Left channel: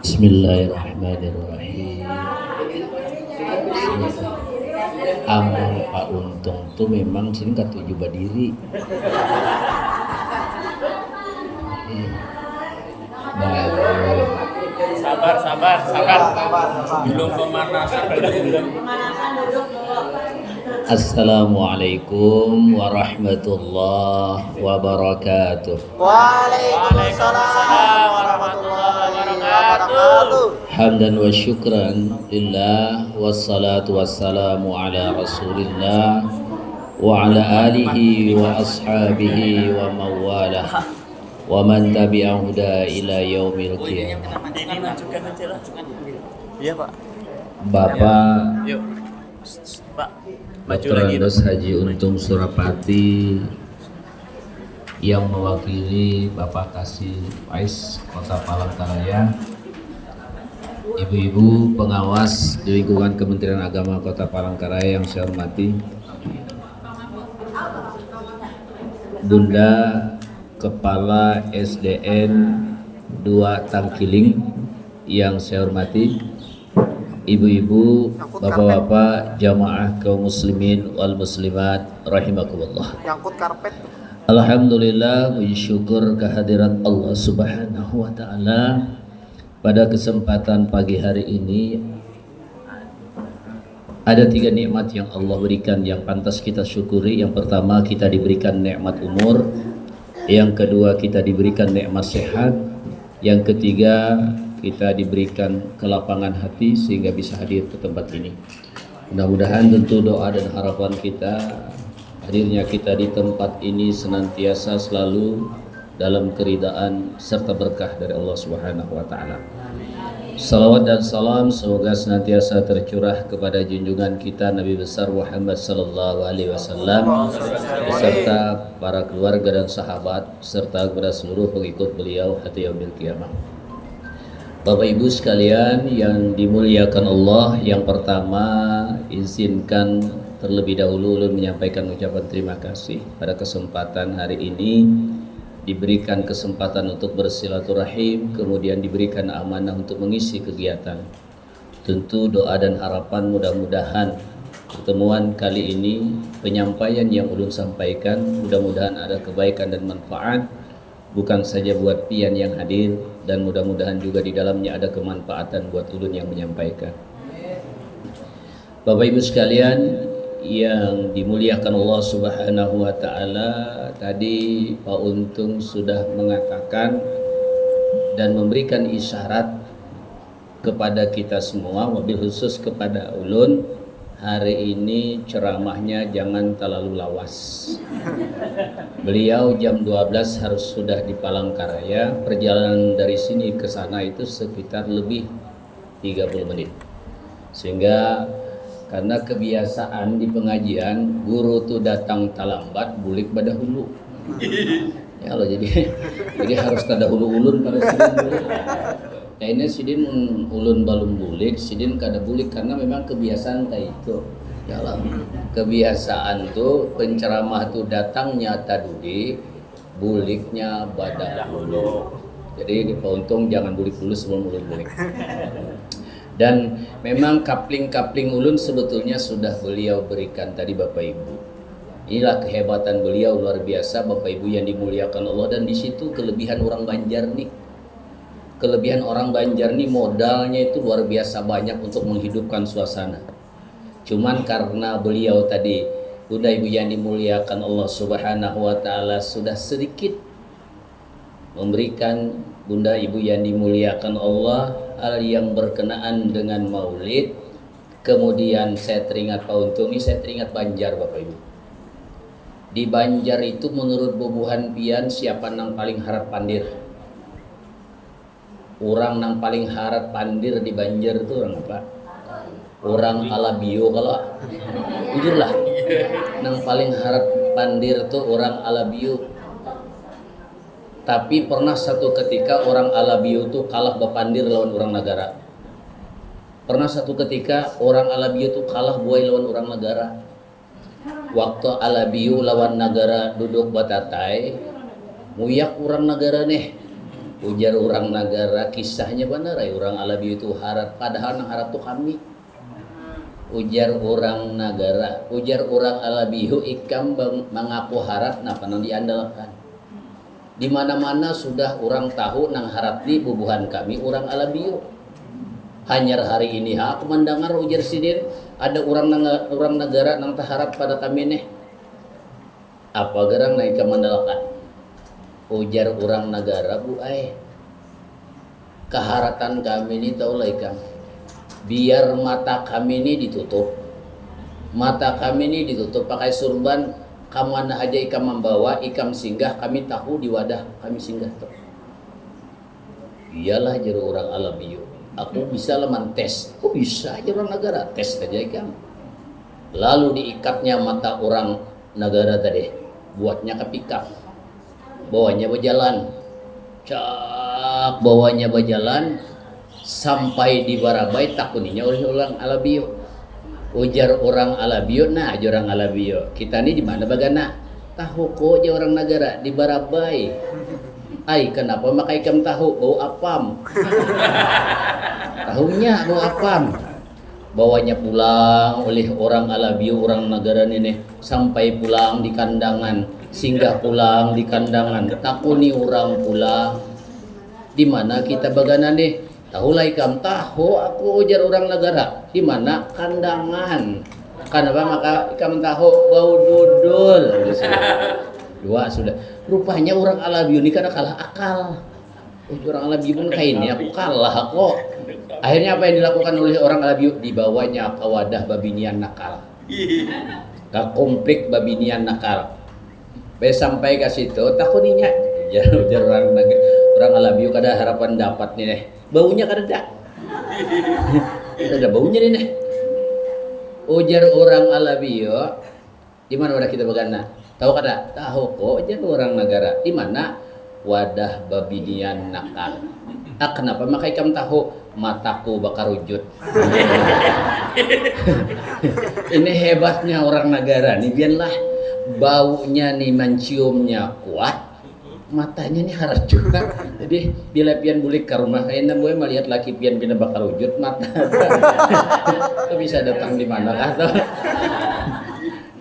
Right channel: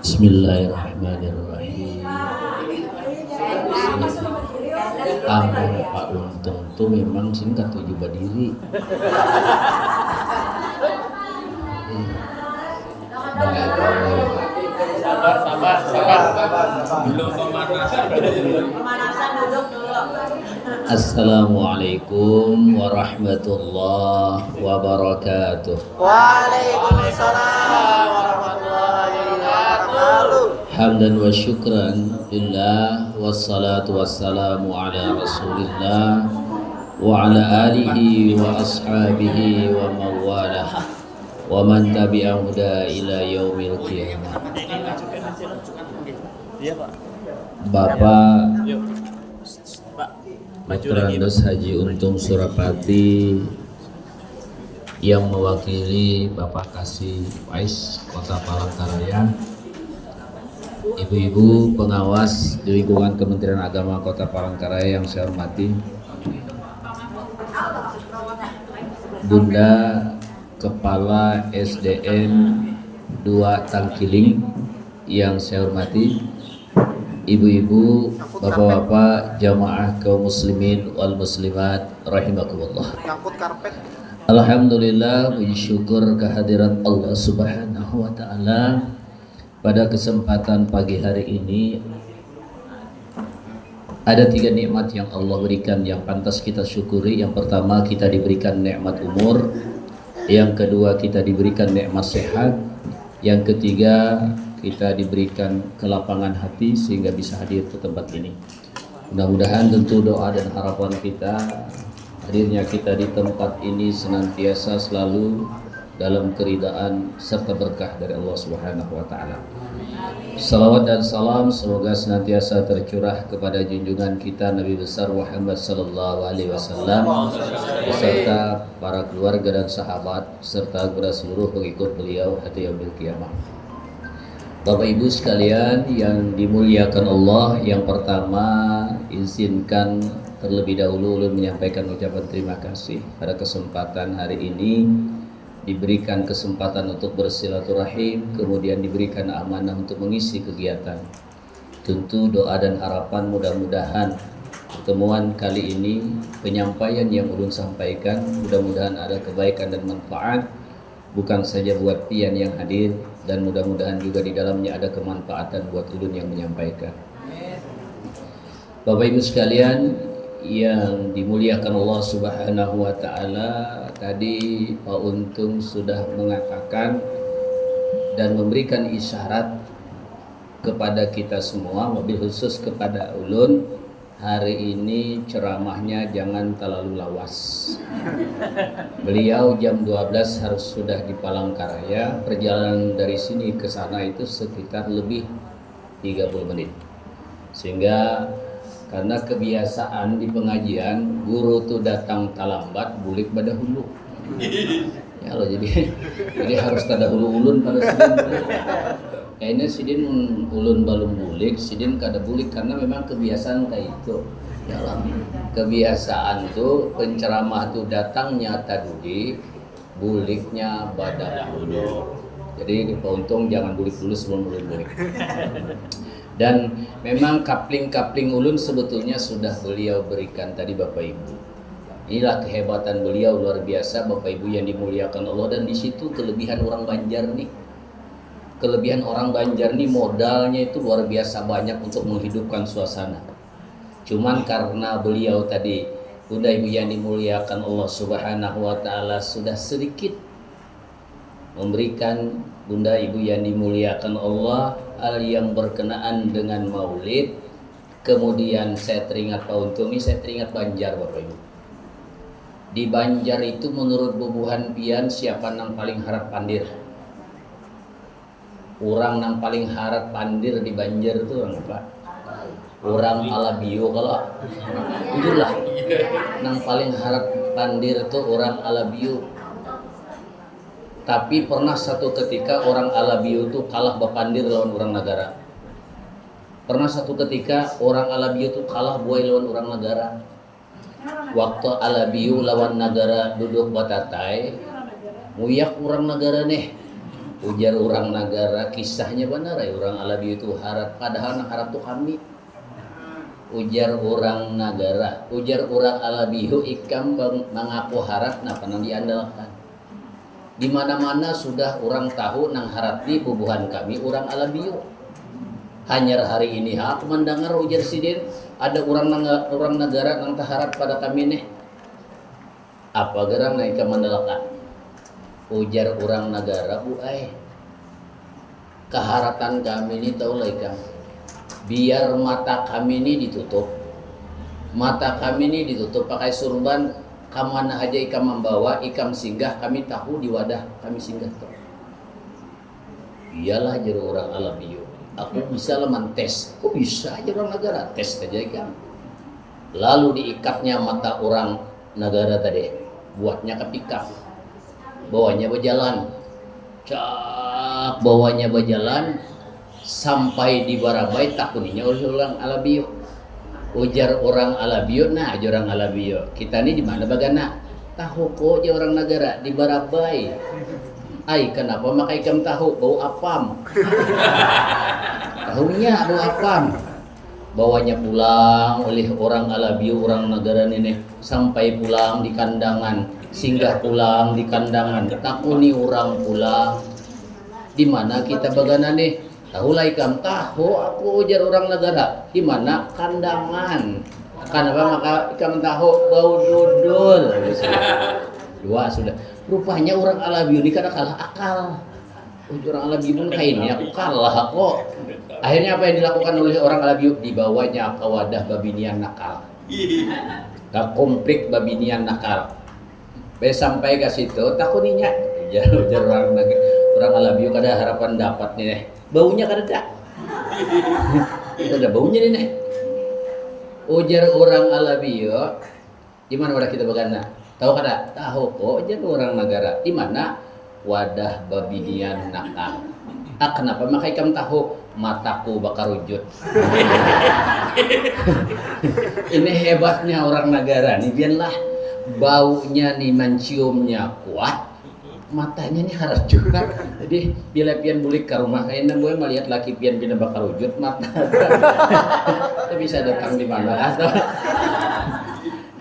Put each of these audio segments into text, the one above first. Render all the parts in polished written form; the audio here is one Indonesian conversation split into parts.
Bismillahirrahmanirrahim. Amal Pak Untung tuh memang sini katuju badiri. Sabar. Belum pemanasan dulu. Assalamualaikum warahmatullahi wabarakatuh. Waalaikumsalam warahmatullahi wabarakatuh. Hamdan wa syukran lillah wassalatu wassalamu ala rasulillah wa ala alihi wa ashabihi wa mawalah wa man tabi'ahu ila yaumil qiyamah. Iya, Pak. Bapak Yuk. Pak. Dr. Andes Haji Untung Surapati yang mewakili Bapak Kasih Wais Kota Palangkaraya, ibu-ibu pengawas di lingkungan Kementerian Agama Kota Palangkaraya yang saya hormati, Bunda Kepala SDN 2 Tangkiling yang saya hormati, ibu-ibu, bapak-bapak, jamaah kaum muslimin wal muslimat rahimakumullah. Nyangkut karpet. Alhamdulillah, puji syukur kehadiran Allah Subhanahu wa taala. Pada kesempatan pagi hari ini ada 3 nikmat yang Allah berikan yang pantas kita syukuri. Yang pertama, kita diberikan nikmat umur. Yang kedua, kita diberikan nikmat sehat. Yang ketiga, kita diberikan kelapangan hati sehingga bisa hadir ke tempat ini. Mudah-mudahan tentu doa dan harapan kita hadirnya kita di tempat ini senantiasa selalu dalam keridaan serta berkah dari Allah Subhanahu wa taala. Salawat dan salam semoga senantiasa tercurah kepada junjungan kita Nabi besar Muhammad sallallahu alaihi wasallam beserta para keluarga dan sahabat serta kepada seluruh pengikut beliau hatta yaumil qiyamah. Bapak Ibu sekalian yang dimuliakan Allah, yang pertama izinkan terlebih dahulu ulun menyampaikan ucapan terima kasih pada kesempatan hari ini diberikan kesempatan untuk bersilaturahim, kemudian diberikan amanah untuk mengisi kegiatan. Tentu doa dan harapan mudah-mudahan pertemuan kali ini, penyampaian yang ulun sampaikan mudah-mudahan ada kebaikan dan manfaat bukan saja buat pian yang hadir, dan mudah-mudahan juga di dalamnya ada kemanfaatan buat ulun yang menyampaikan. Bapak Ibu sekalian yang dimuliakan Allah Subhanahu wa taala, tadi Pak Untung sudah mengatakan dan memberikan isyarat kepada kita semua, mobil khusus kepada ulun, hari ini ceramahnya jangan terlalu lawas. Beliau jam 12 harus sudah di Palangkaraya. Perjalanan dari sini ke sana itu sekitar lebih 30 menit. Sehingga karena kebiasaan di pengajian, guru tuh datang talambat, bulik pada hulu. Ya loh, jadi harus tada hulu ulun pada sidin. Kayaknya sidin ulun balum bulik, sidin kada bulik karena memang kebiasaan kayak itu. Ya lah, kebiasaan tuh penceramah tuh datangnya tadudik, buliknya pada hulu. Jadi Pak Untung jangan bulik dulu sebelum ulun bulik. Dan memang kapling-kapling ulun sebetulnya sudah beliau berikan tadi Bapak Ibu. Inilah kehebatan beliau luar biasa Bapak Ibu yang dimuliakan Allah, dan di situ kelebihan orang Banjar nih. Kelebihan orang Banjar nih modalnya itu luar biasa banyak untuk menghidupkan suasana. Cuman karena beliau tadi, Bunda Ibu yang dimuliakan Allah Subhanahu wa taala, sudah sedikit memberikan Bunda Ibu yang dimuliakan Allah hal yang berkenaan dengan maulid. Kemudian saya teringat Pak Untung ini, saya teringat Banjar Bapak Ibu. Di Banjar itu menurut bubuhan pian siapa nang paling harap pandir? Orang nang paling harap pandir di Banjar itu orang apa? Orang Alabio kalau jujur lah. Nang paling harap pandir itu orang Alabio. Tapi pernah satu ketika orang Alabio itu kalah bapandir lawan orang negara. Pernah satu ketika orang Alabio itu kalah buai lawan orang negara. Waktu Alabio lawan negara duduk batatai, Muyak orang negara nih. Ujar orang negara kisahnya benar ya orang Alabi itu harap padahal nang harap tuh kami. Ujar orang negara, ujar orang Alabihu ikam mengaku harap napa nang diandalkan. Di mana-mana sudah orang tahu nang harap di bubuhan kami orang Alabihu. Hanya hari ini aku mendengar ujar sidin ada orang negara nang taharap pada kami nih. Apa gerang naik ke mandalakan? Ujar orang negara bu keharatan kami ini tahu lah ikam. Biar mata kami ini ditutup. Mata kami ini ditutup pakai surban. Kamana aja ikam membawa ikam singgah kami tahu di wadah kami singgah tuh. Iyalah jero orang Alabiyo. Aku bisa leman tes. Kok bisa aja orang negara tes aja ikam. Lalu diikatnya mata orang negara tadi. Buatnya kepikap. Bawanya berjalan. Cak bawanya berjalan sampai di Barabai takuninya oleh orang Alabiyo. Ujar orang Alabiyo, nah aja orang Alabiyo. Kita ini di mana bagana? Tahu kok aja orang negara di Barabai. Ai kenapa maka ikam tahu bau apam? Tahunya bau apam. Bawanya pulang oleh orang Alabiyo orang negara ini sampai pulang di kandangan, singgah pulang di kandangan. Takuni orang pulang. Di mana kita bagana nih? Tahu lah ikam tahu aku ujar orang negara. Di mana kandangan? Kenapa maka ikam tahu bau dudul? Dua sudah. Rupanya orang Alabiyo ini karena kalah akal. Orang Alabiyo pun kayak ini aku kalah kok. Akhirnya apa yang dilakukan oleh orang Alabiyo? Dibawanya ke wadah babinian nakal. Ke komplik babinian nakal. Sampai ke situ takuninya. Ujar orang Alabiyo kada harapan dapat nih. Baunya kada ada. Ada baunya nih. Ujar orang Alabiyo, di mana wadah kita bagana? Tahu kada? Tahu kok ujar orang negara. Di mana wadah babinian nakal. Kenapa maka ikam tahu? Mataku bakar wujud. Ini hebatnya orang negara nih, biarlah baunya nih menciumnya kuat, matanya nih harus juga. Jadi bila pian bulik ke rumah kayaknya gue melihat laki pian bina bakar wujud mata. Itu bisa datang di mana atau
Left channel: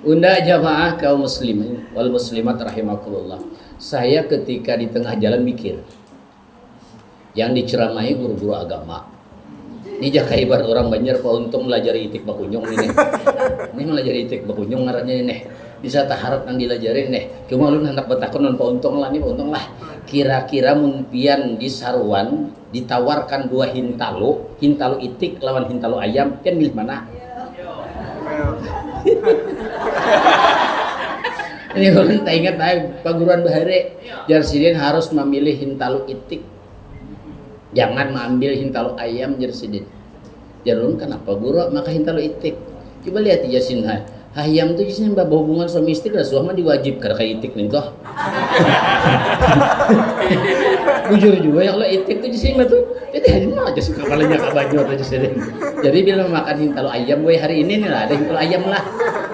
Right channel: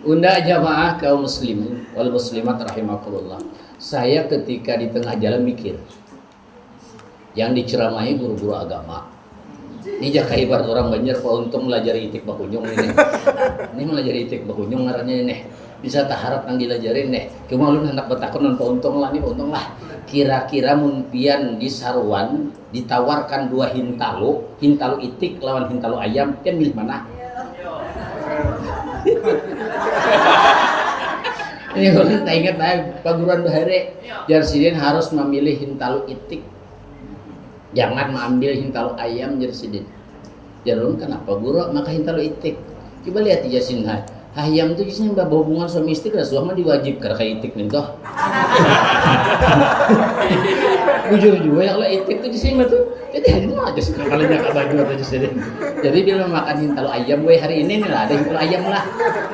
unda jamaah kaum muslimin wal muslimat rahimakumullah. Saya ketika di tengah jalan mikir yang diceramahi guru-guru agama. Ini jakai ibarat orang Banjar Pak Untung melajari itik bakunyung ini. Ini melajari itik bakunyung ngarannya ini. Bisa taharap yang dilajarin nih. Cuma lu hendak bertakun non Pak Untung lah nih Pak Untung lah. Kira-kira mumpian di Saruan ditawarkan 2 hintalu itik lawan hintalu ayam, kan milih mana? Ini orang tak ingat paguruan bahare. Jarsidin harus memilih hintalu itik. Jangan mengambil hintalu ayam Jarsidin. Jarun kenapa guru maka hintalu itik. Coba lihat di Yasin ayam itu justru bawa hubungan suami istri lah suami diwajib karena kayak itik nih toh. Jujur juga ya Allah itik itu justru itu hari ini aja sekali nyak baju atau justru. Jadi dia makan hintalu ayam gue hari ini nih lah ada hintalu ayam lah.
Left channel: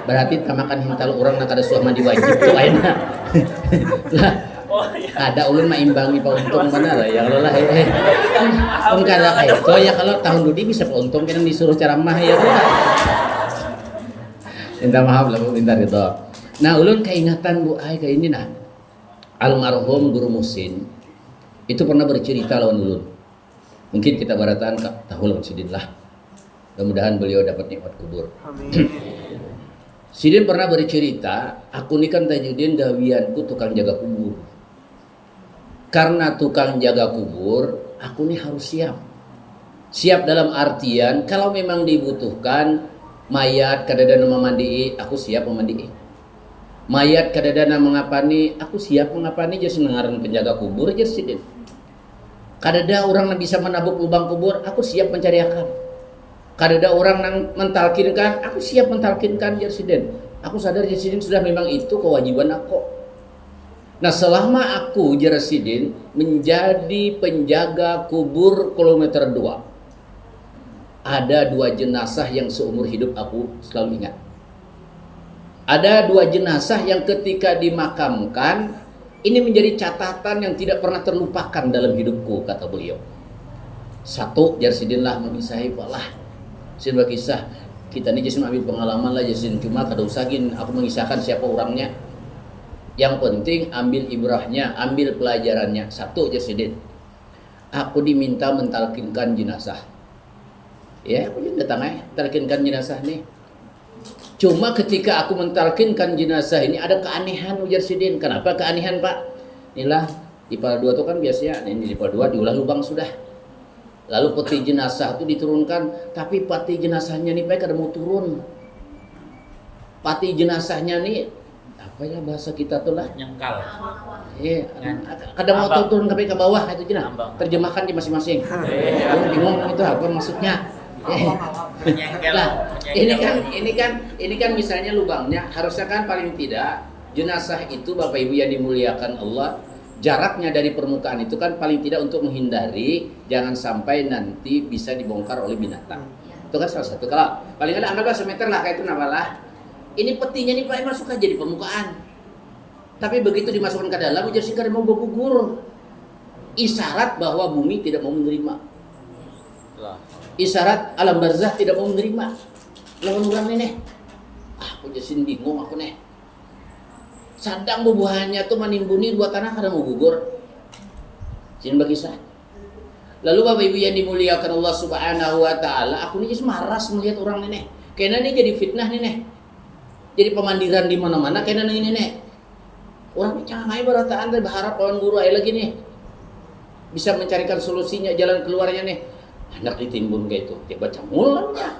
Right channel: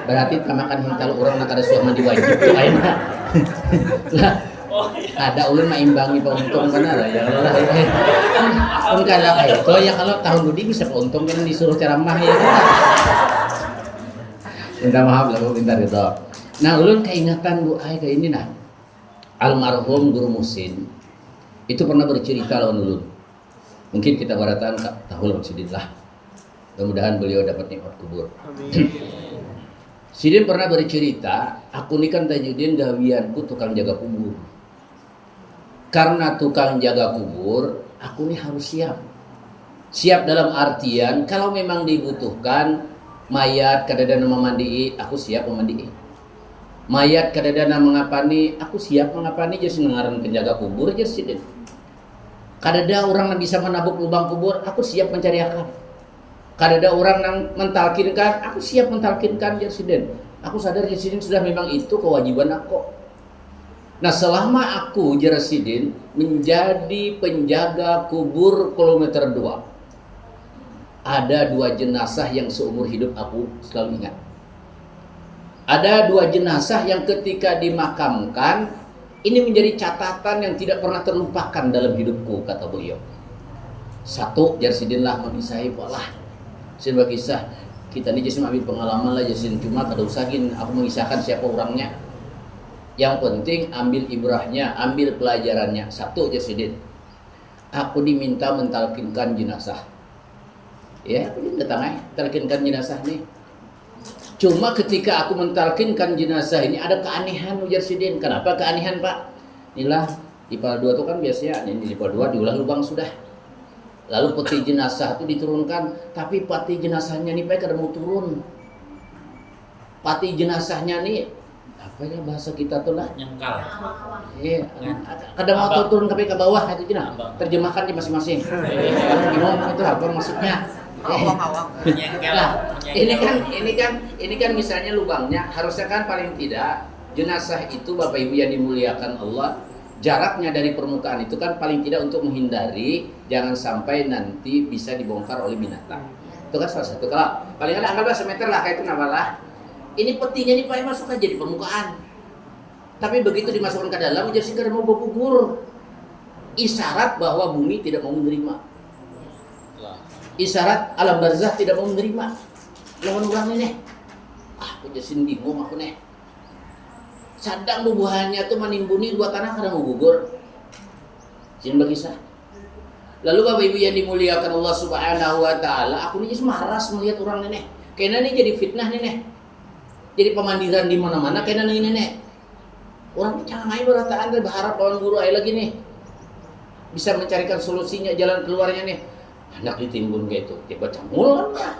Berarti kita makan hintalu orang nak ada suami diwajib tuh ayamnya. Ada ulun mah imbangi Pak Untung mana lah ya Allah pun kalau kayak itu ya kalau tahun budi bisa Pak Untung kan disuruh ceramah ya minta maaf lah minta gitu. Nah ulun keingatan bu kayak ini nah almarhum Guru Musin itu pernah bercerita lawan ulun, mungkin kita baratan tahu lawan Sidin lah, mudah-mudahan beliau dapat nikmat kubur. Sidin pernah bercerita, aku ini kan Tajuddin gawianku tukang jaga kubur. Karena tukang jaga kubur, aku ini harus siap. Siap dalam artian kalau memang dibutuhkan mayat kadadana memandii, aku siap memandii. Mayat kadadana mengapani, aku siap mengapani. Jadi ngaran penjaga kubur aja Sidin. Kadada orang yang bisa menabuk lubang kubur, aku siap mencari akan. Kadada orang yang mentalkinkan, aku siap mentalkinkan Sidin. Aku sadar Sidin sudah memang itu kewajiban aku. Nah selama aku Sidin menjadi penjaga kubur kilometer 2, ada 2 jenazah yang seumur hidup aku selalu ingat. Ada 2 jenazah yang ketika dimakamkan Ini menjadi catatan yang tidak pernah terlupakan dalam hidupku, kata beliau. Satu, Jarsidin lah mengisah lah. Sebuah kisah kita ini Jasin ambil pengalaman lah Jasin, cuma kada usahin aku mengisahkan siapa orangnya. Yang penting ambil ibrahnya, ambil pelajarannya. Satu, Jarsidin, aku diminta mentalkinkan jenazah. Ya, aku datang talkinkan jenazah nih. Cuma ketika aku mentalkinkan jenazah ini ada keanehan, Ujar Sidin. Kenapa keanehan, Pak? Inilah IPA 2 itu kan biasanya ini IPA 2 diulah lubang sudah. Lalu peti jenazah itu diturunkan, tapi peti jenazahnya nih Pak kada mau turun. Peti jenazahnya nih apa ya bahasa kita tuh lah? Nyengkal. Iya, kada mau turun ke bawah itu jenah. Terjemahkan di masing-masing. Bingung itu apa maksudnya? Nah, ini kan misalnya lubangnya harusnya kan paling tidak jenazah itu Bapak Ibu yang dimuliakan Allah, jaraknya dari permukaan itu kan paling tidak untuk menghindari jangan sampai nanti bisa dibongkar oleh binatang. Itu kan salah satu. Kalau paling ada anggaplah semeter lah kayak itu namalah. Ini petinya nih Pak masuk aja di permukaan. Tapi begitu dimasukkan ke dalam jadi singkat mau bergugur. Isyarat bahwa bumi tidak mau menerima. Isyarat alam barzah tidak mau menerima. Lawan orang nih. Aku jadi bingung aku nih. Sadang bubuhannya tuh menimbuni dua tanah kada mau gugur. Sin berkisah. Lalu Bapak Ibu yang dimuliakan Allah Subhanahu wa taala, aku nih maras melihat orang nih. Kayaknya nih jadi fitnah nih. Jadi pemandiran di mana-mana kayaknya nih nih. Orang jangan main berataan berharap lawan guru aja lagi nih. Bisa mencarikan solusinya, jalan keluarnya nih. Anak ditimbun kayak itu, dia baca mulanya.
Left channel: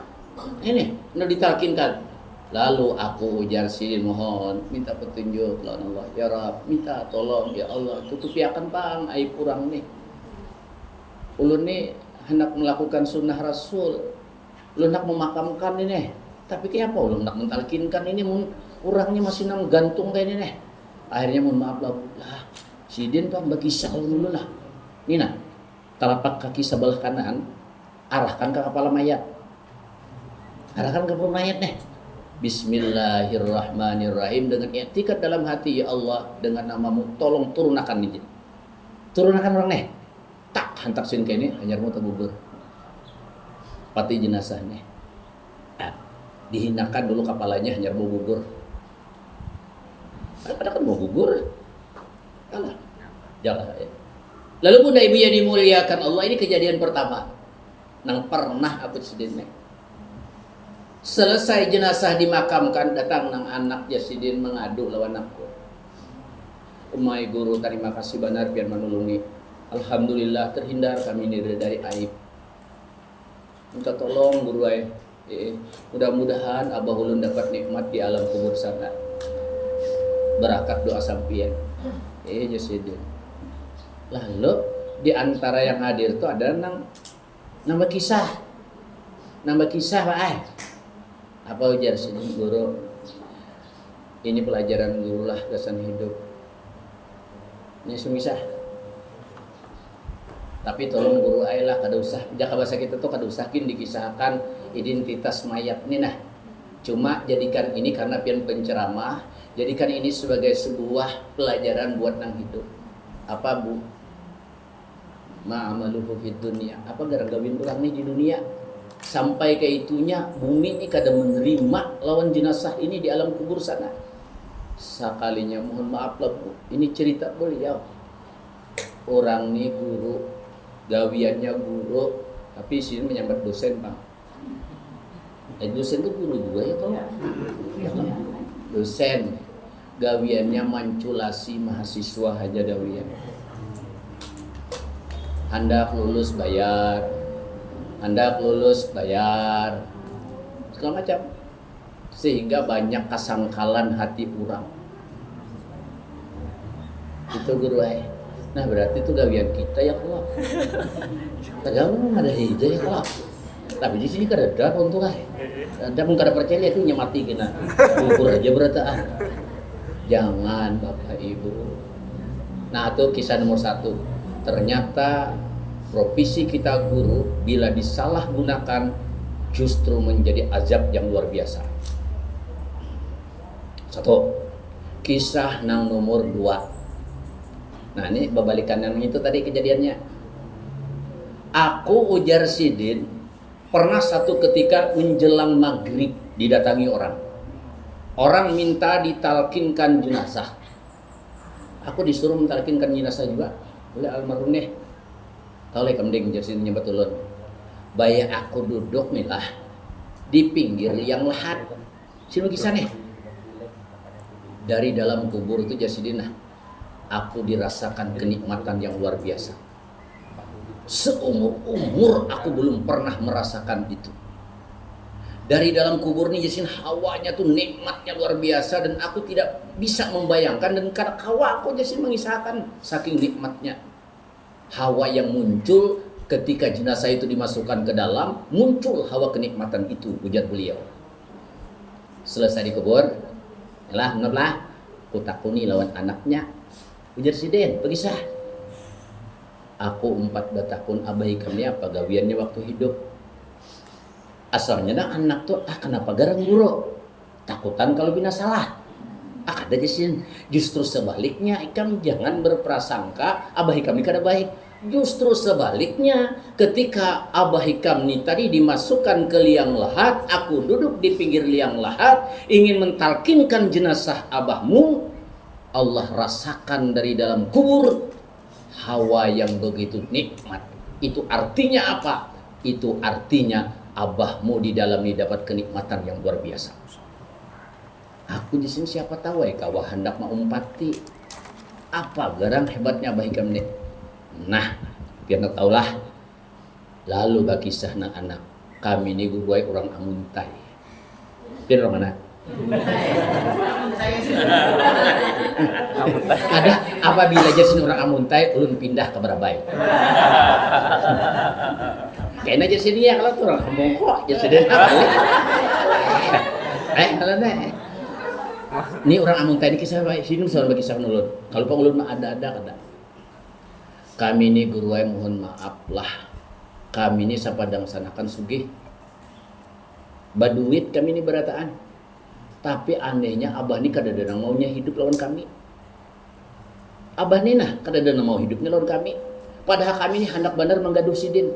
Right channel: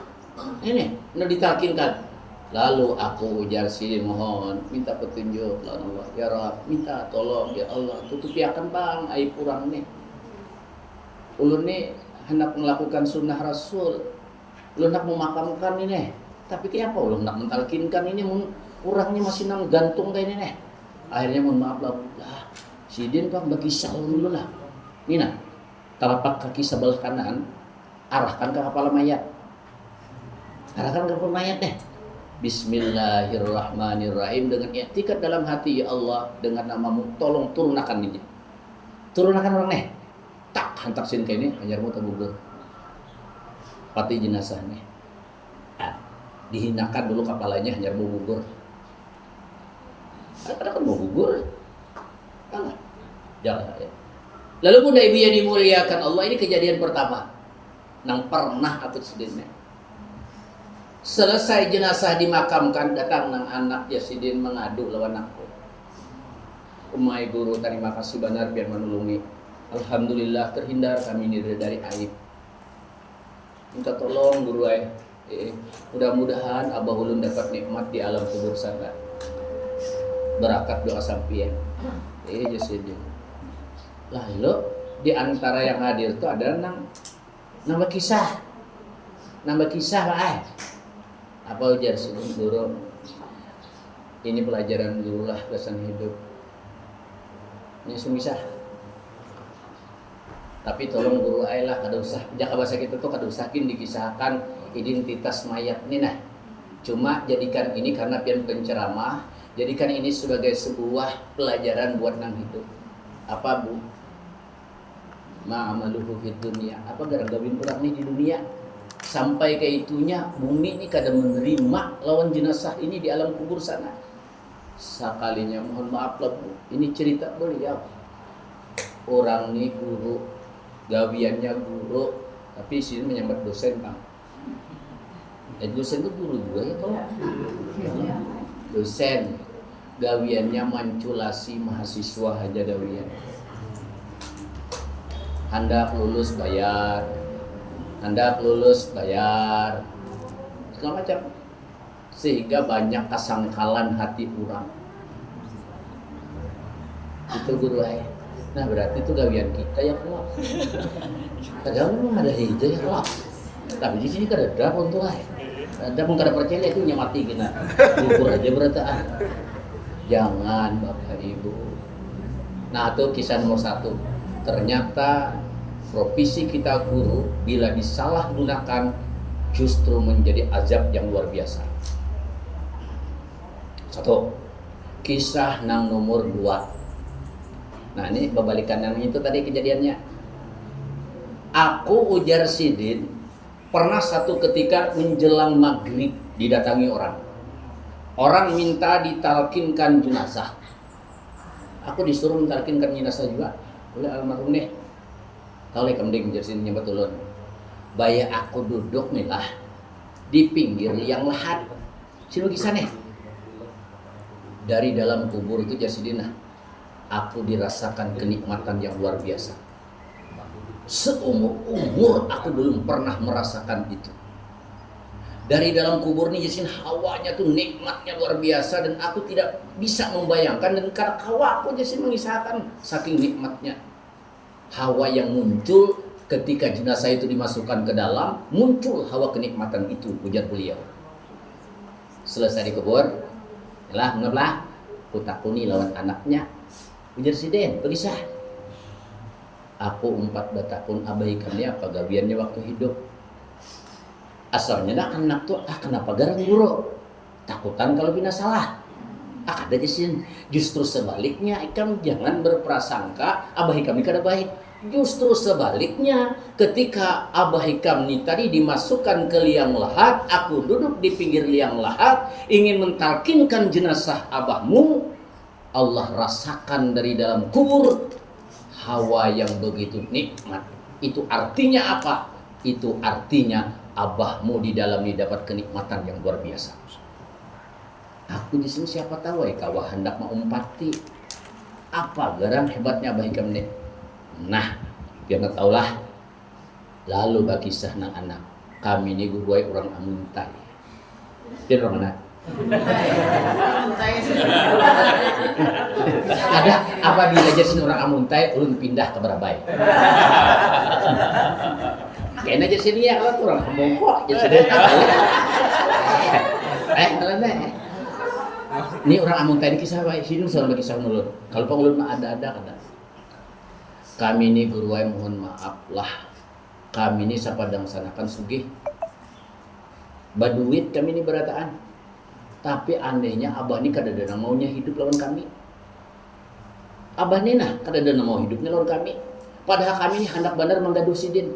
Ini, nak ditalkinkan. Lalu aku ujar Sidin mohon, minta petunjuk, Allah ya Rab, minta tolong ya Allah, tutupi akan bang aib kurang nih. Ulun nih hendak melakukan sunnah Rasul, ulun nak memakamkan ini, tapi kayak apa ulun nak mentalkinkan ini, orangnya masih nang gantung kayak ini nih. Akhirnya mohon maaf lah, Sidin pak bagi sahur dulu lah. Ini nah, telapak kaki sebelah kanan arahkan ke kepala mayat. Arahkan ke kepala mayat nih. Bismillahirrahmanirrahim dengan i'tikad dalam hati ya Allah dengan namamu tolong turunkan ini. Turunkan orang nih. Tak hantak sin kayak ini hanyarmu tergugur. Pati jenazah nih. Dihinakan dulu kepalanya hanyarmu gugur. Ada kan mau gugur. Jangan. Jangan ya. Lalu Bunda Ibu yang dimuliakan Allah, ini kejadian pertama nang pernah aku sedihnya. Selesai jenazah dimakamkan, datang nang anak Jasidin mengadu lawan aku. Umay guru, terima kasih benar biar menolongi. Alhamdulillah terhindar kami dari aib. Minta tolong guru mudah-mudahan Abah Ulun dapat nikmat di alam kubur sana. Berakat doa sampian. Jasidin. Lalu di antara yang hadir itu ada nambah kisah Pak. Apa ujar sini guru? Ini pelajaran guru lah kesan hidup. Ini sumisah. Tapi tolong guru lah kada usah. Jaka bahasa kita tuh kada usahin dikisahkan identitas mayat ini nah. Cuma jadikan ini karena pian penceramah, jadikan ini sebagai sebuah pelajaran buat nang hidup. Apa Bu? Ma'amaluhu fid dunia. Apa gara-gara orang nih di dunia sampai ke itunya bumi ini kada menerima lawan jenazah ini di alam kubur sana. Sekalinya mohon maaf lah Bu, ini cerita beliau. Orang nih guru, gawiannya guru, tapi sini menyambat dosen Pak. Dosen itu guru juga ya kalau dosen gawiannya manculasi mahasiswa haja dawian. Hendak lulus bayar, segala macam, sehingga banyak kesangkalan hati orang. Itu guru ay. Nah berarti itu gawian kita ya kelak. Kadang ada itu ya kelak. Tapi di sini kada ada untuk ay. Kadang pun kada percaya itu nyamati kena. Ukur aja berarti Jangan Bapak Ibu. Nah itu kisah nomor 1. Ternyata profesi kita guru bila disalahgunakan justru menjadi azab yang luar biasa. 1. Kisah nang nomor 2. Nah ini berbalikan yang itu tadi kejadiannya. Aku ujar Sidin pernah satu ketika menjelang maghrib didatangi orang. Orang minta ditalkinkan jenazah. Aku disuruh mentalkinkan jenazah juga oleh almarhum nih. Tahu lek kemding jersin nyebat ulun. Baya aku duduk nih lah di pinggir liang lahat. Sinu kisah nih. Dari dalam kubur itu Jasidina, aku dirasakan kenikmatan yang luar biasa. Seumur umur aku belum pernah merasakan itu. Dari dalam kubur ini Jasin hawanya tuh nikmatnya luar biasa dan aku tidak bisa membayangkan, dan karena hawa aku Jasin mengisahkan saking nikmatnya. Hawa yang muncul ketika jenazah itu dimasukkan ke dalam, muncul hawa kenikmatan itu, ujar beliau. Selesai dikubur, lah menurlah kutakuni lawan anaknya, ujar Sidin, begisah. Aku 4 tahun abaikannya apa gawiannya waktu hidup. Asalnya dah anak tuh kenapa garang guru, takutan kalau bina salah. Ada Jasin, justru sebaliknya ikam jangan berprasangka abah kami kada baik. Justru sebaliknya, ketika abah hikam ni tadi dimasukkan ke liang lahat, aku duduk di pinggir liang lahat ingin mentalkinkan jenazah abahmu, Allah rasakan dari dalam kubur hawa yang begitu nikmat. Itu artinya apa? Itu artinya abahmu di dalamnya dapat kenikmatan yang luar biasa. Aku di sini siapa tahu kawah hendak mau umpati apa garang hebatnya abah hikam nih. Nah, biar nak tahulah. Lalu bagi kisah anak kami ini guru orang amuntai. Biar orang mana? Ada apabila jadi orang amuntai, ulun pindah ke Barabai. Kayaknya jadi sini ya kalau tuh orang ngomong kok jadi kalau ini orang amuntai ini kisah baik sini soal kisah ulun. Kalau pengulun mah ada kata. Kami ini guru mohon maaf lah. Kami ini sapadang sanakan sugih. Baduit kami ini berataan. Tapi anehnya abah ini kadang-kadang maunya hidup lawan kami. Abah ini nah kadang-kadang mau hidupnya lawan kami. Padahal kami ini hendak benar menggaduh Sidin.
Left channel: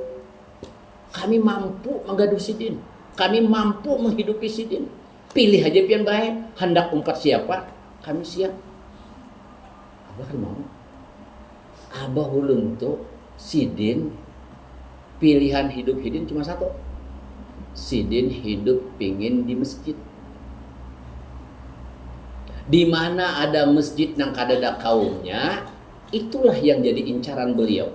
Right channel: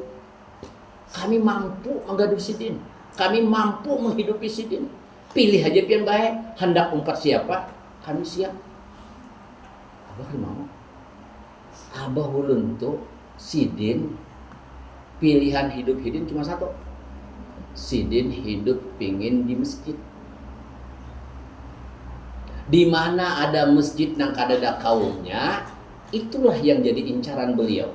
Kami mampu menggaduh Sidin. Kami mampu menghidupi Sidin. Pilih aja pian baik. Hendak umpat siapa? Kami siap. Abah mau. Abah ulun tuh Sidin pilihan hidup Sidin cuma satu. Sidin hidup pingin di masjid. Di mana ada masjid nang kadada kaumnya, itulah yang jadi incaran beliau.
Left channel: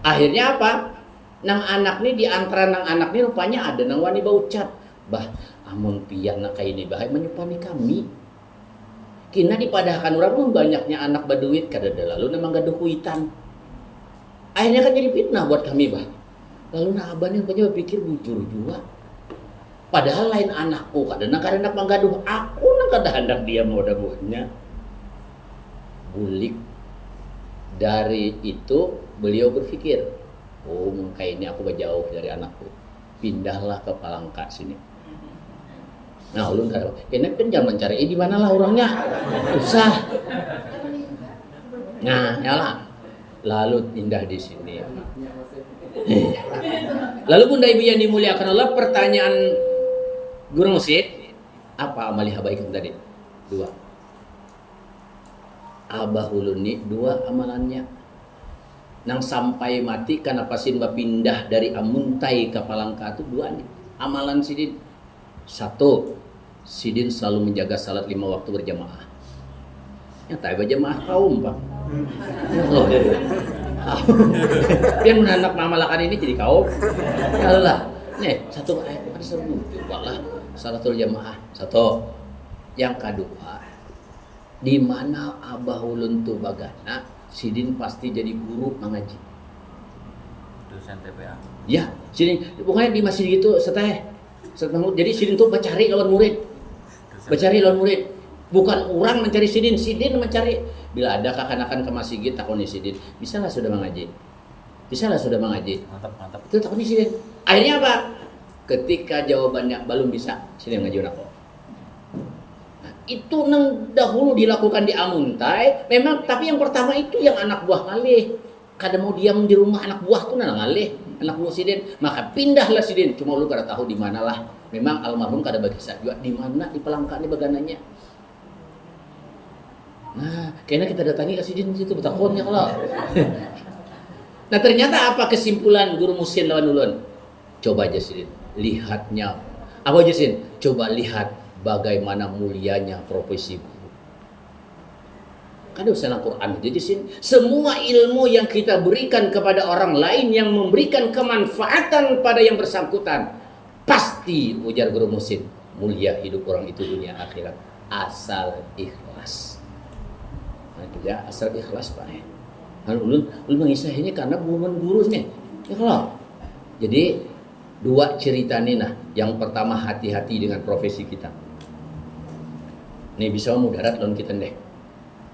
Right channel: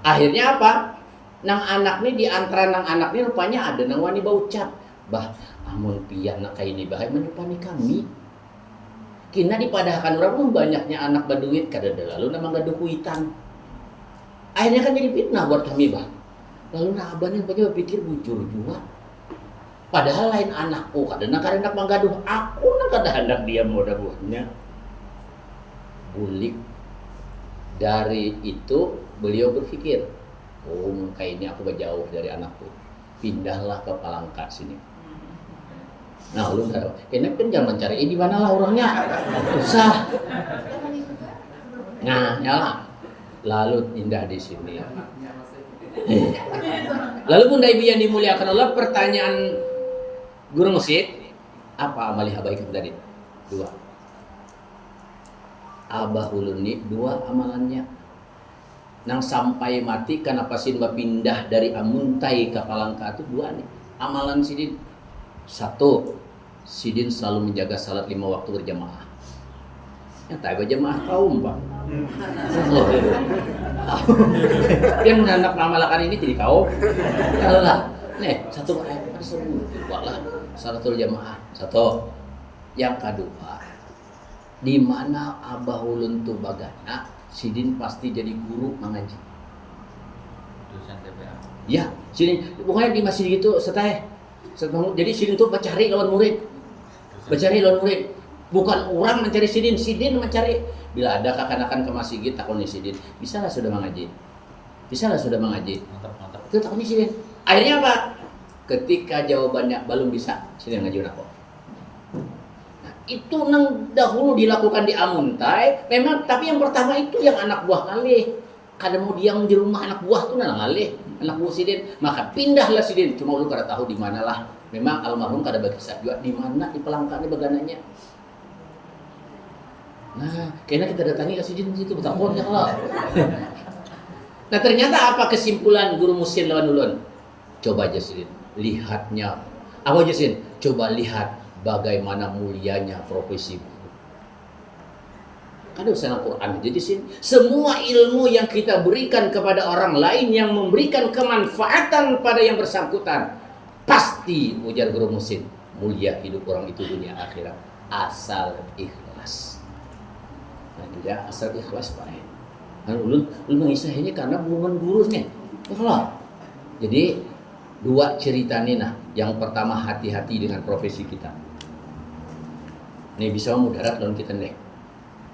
Akhirnya apa? Nang anak nih, di antara nang anak nih rupanya ada nang wani baucap. Bah, amun pian nak kayak ini bahaya menyupani kami. Kina dipadahkan orang pun banyaknya anak baduit kadada lalu nama gaduh kuitan. Akhirnya kan jadi fitnah buat kami bah. Lalu nah abah yang banyak berpikir bujur juga. Padahal lain anakku kadang-kadang menggaduh aku nang kadang-kadang dia mau dabuhnya. Bulik. Dari itu beliau berpikir, oh kayaknya aku jauh dari anakku. Pindahlah ke Palangka sini. Nah, lu kan kayaknya kan jangan mencari di mana lah orangnya. Usah. Nah, nyala. Lalu indah di sini. Lalu Bunda Ibu yang dimuliakan Allah, pertanyaan guru masjid, apa amali habaikan tadi? 2. Abah ulun ni 2 amalannya. Nang sampai mati kenapa Sidin pindah dari Amuntai ke Palangka itu 2 nih. Amalan Sidin. 1, Sidin selalu menjaga salat 5 waktu berjamaah. Nyata berjamaah kaum Pak. Dia menanak mamalakan ini jadi kaum. Ya Allah. Nih, 1 ayat ada seru juga lah. Salatul jamaah. 1. Yang kedua, di mana abah ulun tu bagana, Sidin pasti jadi guru mengaji. Dosen TPA. Ya, Sidin pokoknya di masjid gitu seteh. Jadi Sidin tuh mencari lawan murid. Mencari lawan murid. Bukan orang mencari Sidin, Sidin mencari. Bila ada kakanakan ke masjid takoni Sidin, bisalah sudah mengaji. Bisalah sudah mengaji. Mantap. Itu takoni Sidin. Akhirnya apa? Ketika jawabannya belum bisa, Sidin ngajuin aku. Nah, Itu nang dahulu dilakukan di Amuntai, memang tapi yang pertama itu yang anak buah ngalih. Kada mau diam di rumah anak buah tuh nang ngalih, anak buah Sidin, maka pindahlah Sidin. Cuma lu kada tahu di mana lah. Memang almarhum kada bagi kisah juga di mana di pelangkane bagananya. Nah, kayaknya kita datangi ke Sidin situ bertakon ya Allah. Nah, ternyata apa kesimpulan guru Musin lawan ulun? Coba aja Sidin, lihatnya. Apa aja Sidin? Coba lihat bagaimana mulianya profesi itu. Kan usaha Al-Quran. Jadi semua ilmu yang kita berikan kepada orang lain yang memberikan kemanfaatan pada yang bersangkutan, pasti ujar guru Musin, mulia hidup orang itu dunia akhirat asal ikhlas. Nah, juga asal ikhlas Pak. Kan ulun mengisahnya karena bukan gurunya. Ikhlas. Jadi dua cerita nih nah. Yang pertama hati-hati dengan profesi kita. Ini bisa mudarat lawan kita nih.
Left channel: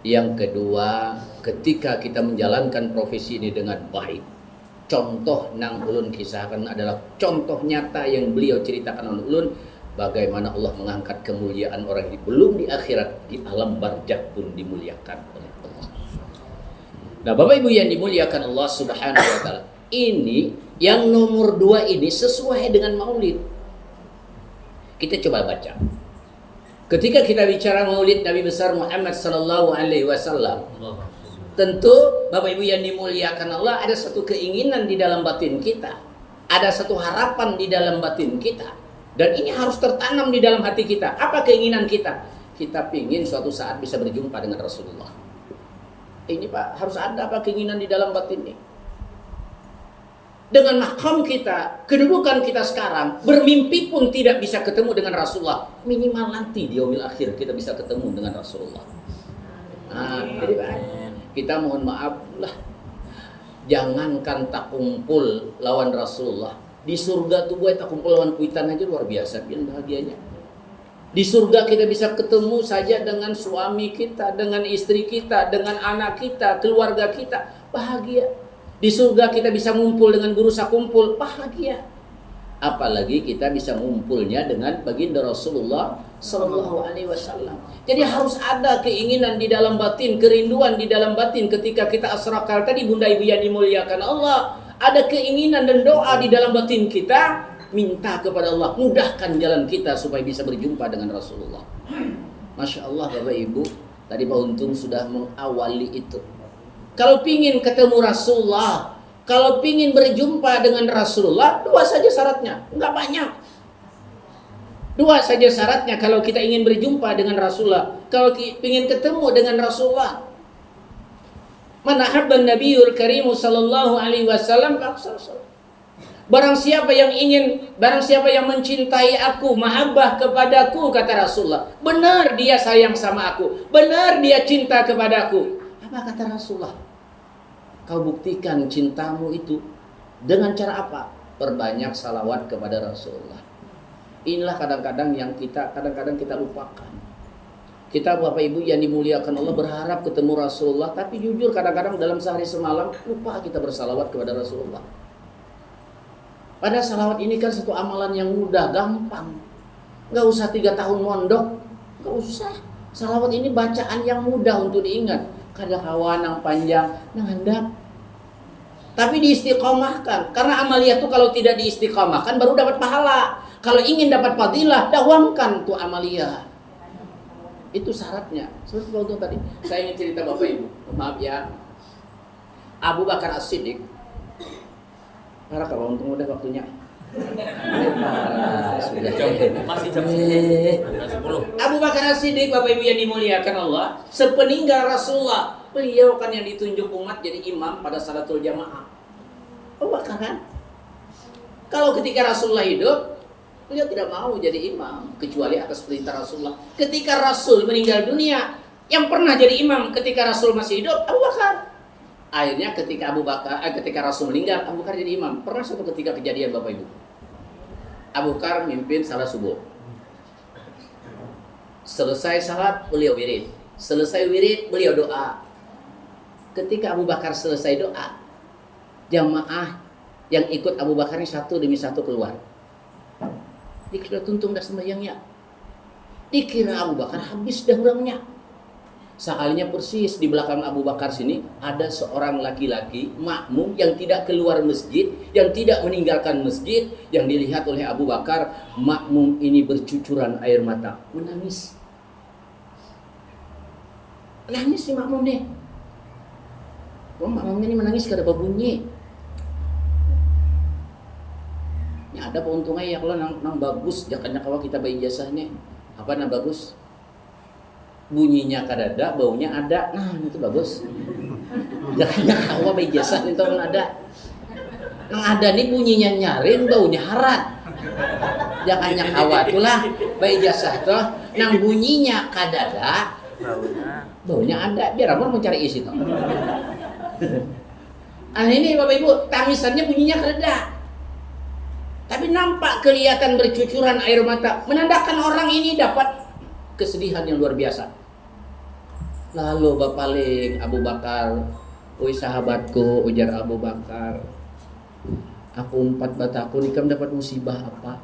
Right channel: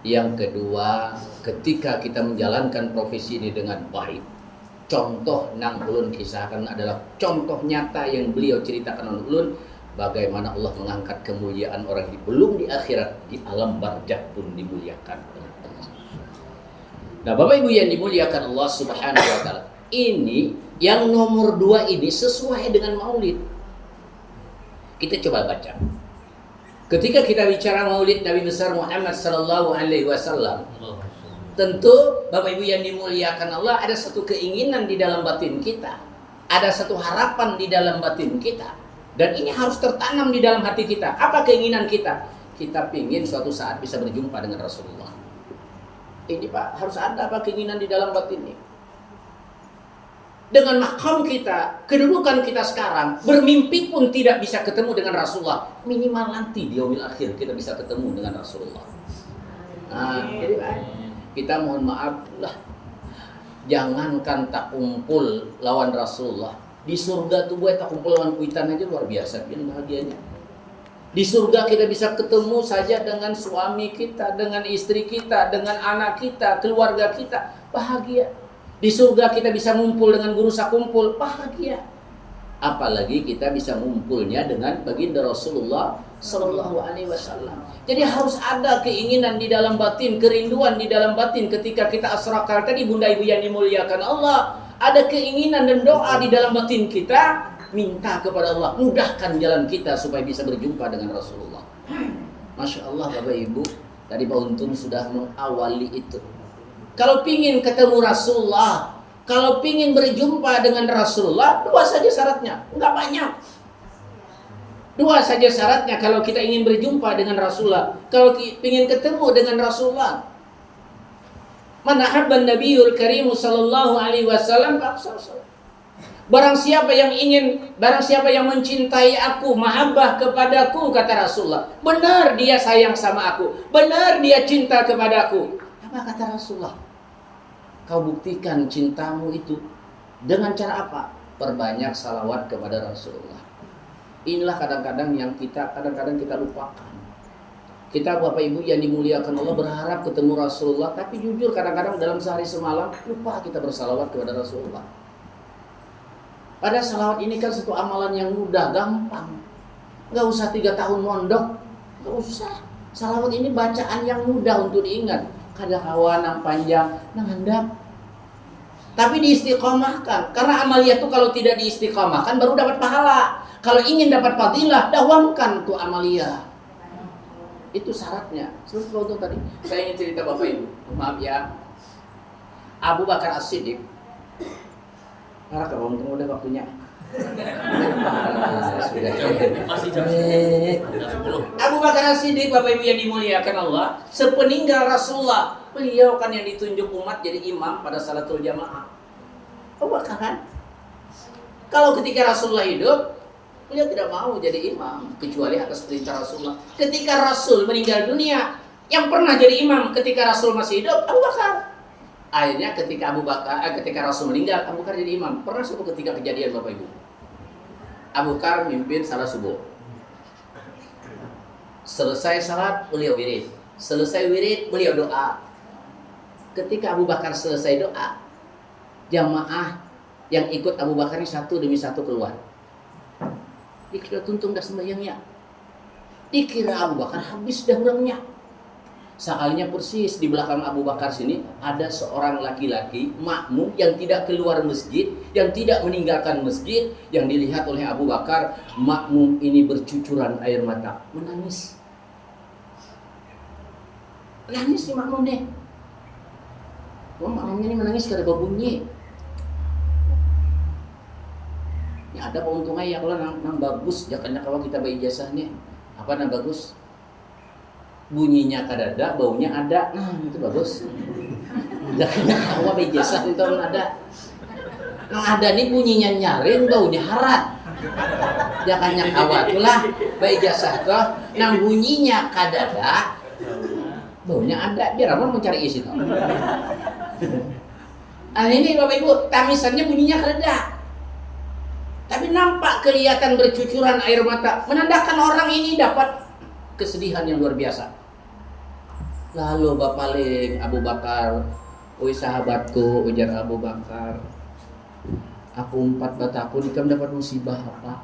Yang kedua, ketika kita menjalankan profesi ini dengan baik, contoh nang ulun kisahkan adalah contoh nyata yang beliau ceritakan oleh ulun, bagaimana Allah mengangkat kemuliaan orang ini belum di akhirat, di alam barzakh pun dimuliakan oleh Allah. Nah, Bapak Ibu yang dimuliakan Allah Subhanahu wa taala, ini yang nomor 2 ini sesuai dengan maulid. Kita coba baca. Ketika kita bicara maulid Nabi besar Muhammad sallallahu alaihi wasallam, tentu Bapak Ibu yang dimuliakan Allah, ada satu keinginan di dalam batin kita. Ada satu harapan di dalam batin kita. Dan ini harus tertanam di dalam hati kita. Apa keinginan kita? Kita ingin suatu saat bisa berjumpa dengan Rasulullah. Ini Pak, harus ada apa keinginan di dalam batin ini. Dengan makam kita, kedudukan kita sekarang, bermimpi pun tidak bisa ketemu dengan Rasulullah. Minimal nanti di yaumil akhir kita bisa ketemu dengan Rasulullah. Nah, jadi Pak, kita mohon maaf lah. Jangankan tak kumpul lawan Rasulullah. Di surga tuh gue tak kumpul lawan kuitan aja luar biasa. Biar bahagianya. Di surga kita bisa ketemu saja dengan suami kita, dengan istri kita, dengan anak kita, keluarga kita. Bahagia. Di surga kita bisa ngumpul dengan guru sakumpul, bahagia. Apalagi kita bisa ngumpulnya dengan baginda Rasulullah sallallahu alaihi wasallam. Jadi harus ada keinginan di dalam batin, kerinduan di dalam batin ketika kita asrakal tadi Bunda Ibu yang dimuliakan Allah. Ada keinginan dan doa di dalam batin kita, minta kepada Allah mudahkan jalan kita supaya bisa berjumpa dengan Rasulullah. Masya Allah Bapak Ibu, tadi Pak Untung sudah mengawali itu. Kalau pingin ketemu Rasulullah, kalau pingin berjumpa dengan Rasulullah, 2 saja syaratnya, enggak banyak. 2 saja syaratnya kalau kita ingin berjumpa dengan Rasulullah, kalau pingin ketemu dengan Rasulullah. Man ahabban nabiyul karim sallallahu alaihi wasallam, barang siapa yang mencintai aku, mahabbah kepadaku, kata Rasulullah, benar dia sayang sama aku, benar dia cinta kepadaku. Apa kata Rasulullah? Kau buktikan cintamu itu dengan cara apa? Perbanyak salawat kepada Rasulullah. Inilah kadang-kadang kita lupakan. Kita Bapak Ibu yang dimuliakan Allah berharap ketemu Rasulullah, tapi jujur kadang-kadang dalam sehari semalam lupa kita bersalawat kepada Rasulullah. Padahal salawat ini kan satu amalan yang mudah, gampang. Gak usah 3 tahun mondok, gak usah. Salawat ini bacaan yang mudah untuk diingat. Kada kawan yang panjang, nangandap. Tapi diistiqomahkan. Karena amalia itu kalau tidak diistiqomahkan baru dapat pahala. Kalau ingin dapat fadilah, dawamkan tuh amalia. Itu syaratnya. Seperti contoh tadi. Saya ingin cerita Bapak Ibu. Maaf ya. Abu Bakar As-Siddiq. Karena kalau untuk udah waktunya. Masih jam 10. Abu Bakar As-Siddiq, Bapak Ibu yang dimuliakan Allah, sepeninggal Rasulullah, beliau kan yang ditunjuk umat jadi imam pada salatul jamaah. Abu Bakar kan? Kalau ketika Rasulullah hidup, beliau tidak mau jadi imam kecuali atas perintah Rasulullah. Ketika Rasul meninggal dunia, yang pernah jadi imam ketika Rasul masih hidup, Abu Bakar. Akhirnya ketika Rasul meninggal, Abu Bakar jadi imam. Pernah suatu ketika kejadian Bapak Ibu. Abu Bakar mimpin salat subuh. Selesai salat, beliau wirid. Selesai wirid, beliau doa. Ketika Abu Bakar selesai doa, jamaah yang ikut Abu Bakar ini satu demi satu keluar. Dikeluar tuntung dah sembahyangnya. Dikira Abu Bakar habis dah orangnya. Sekalinya persis di belakang Abu Bakar sini ada seorang laki-laki makmum yang tidak keluar masjid, yang tidak meninggalkan masjid, yang dilihat oleh Abu Bakar. Makmum ini bercucuran air mata, menangis. Menangis si makmum nih. Makmumnya ini menangis karena bunyi. Ini ada pauntungnya ya kalau nang bagus, jangan kalau kita bayi jasanya. Apa nang bagus? Bunyinya kadada, baunya ada. Nah, itu bagus. Jangan kawa bayi jasa itu ada. Nang ada nih bunyinya nyaring, baunya harat. Jangan kawa itulah bayi jasa tuh. Nang bunyinya kadada, baunya ada. Biar apa mencari isi tuh. Nah ini Bapak Ibu, tangisannya bunyinya kadada. Tapi nampak kelihatan bercucuran air mata, menandakan orang ini dapat kesedihan yang luar biasa. Lalu bapaling Abu Bakar, "Oi sahabatku," ujar Abu Bakar, "aku umpat bataku nikam dapat musibah apa?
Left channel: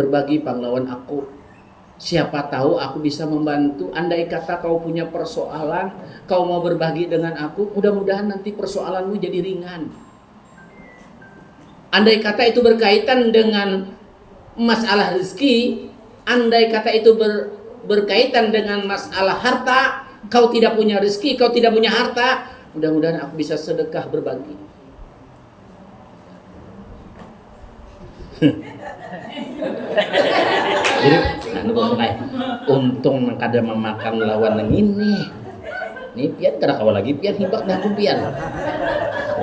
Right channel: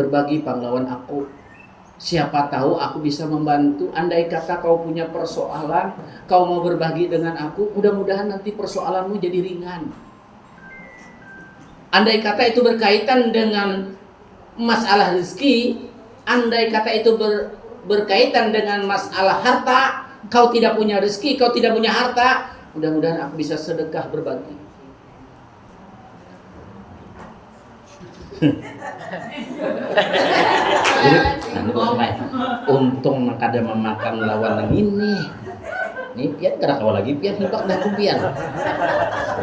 Berbagi pahlawan aku. Siapa tahu aku bisa membantu. Andai kata kau punya persoalan, kau mau berbagi dengan aku, mudah-mudahan nanti persoalanmu jadi ringan. Andai kata itu berkaitan dengan masalah rezeki, andai kata itu berkaitan dengan masalah harta, kau tidak punya rezeki, kau tidak punya harta, mudah-mudahan aku bisa sedekah berbagi." Untung kada memakan lawan yang ini. Nih pian kada kau lagi pian hibak dah pian.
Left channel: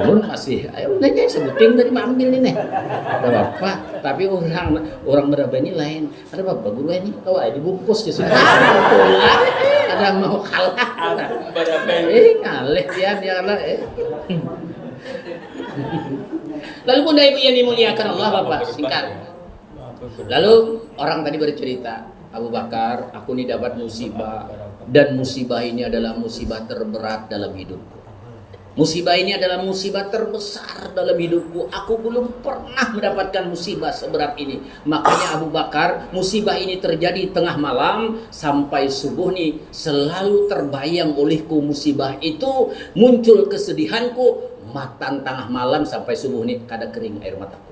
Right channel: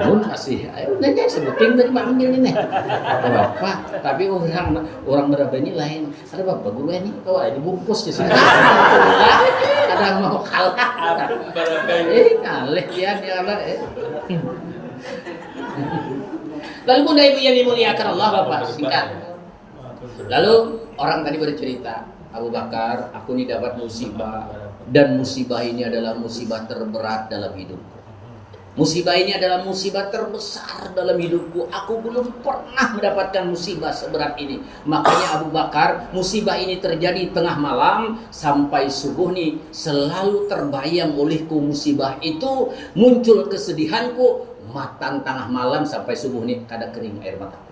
Ulun masih ayo nanya sebuting dari makmum ini nih. Ada bapak, tapi orang berapa ini lain. Ada bapak guru ini kau dibungkus di sini. Ada yang mau kalah. Kalah pian dia kalah. Lalu Bunda Ibu yang dimuliakan Allah Bapak, singkat. Lalu orang tadi bercerita, "Abu Bakar, aku ini dapat musibah, dan musibah ini adalah musibah terberat dalam hidupku. Musibah ini adalah musibah terbesar dalam hidupku. Aku belum pernah mendapatkan musibah seberat ini." Makanya Abu Bakar, musibah ini terjadi tengah malam sampai subuh nih, selalu terbayang olehku musibah itu, muncul kesedihanku, matan tengah malam sampai subuh nih kada kering air mataku.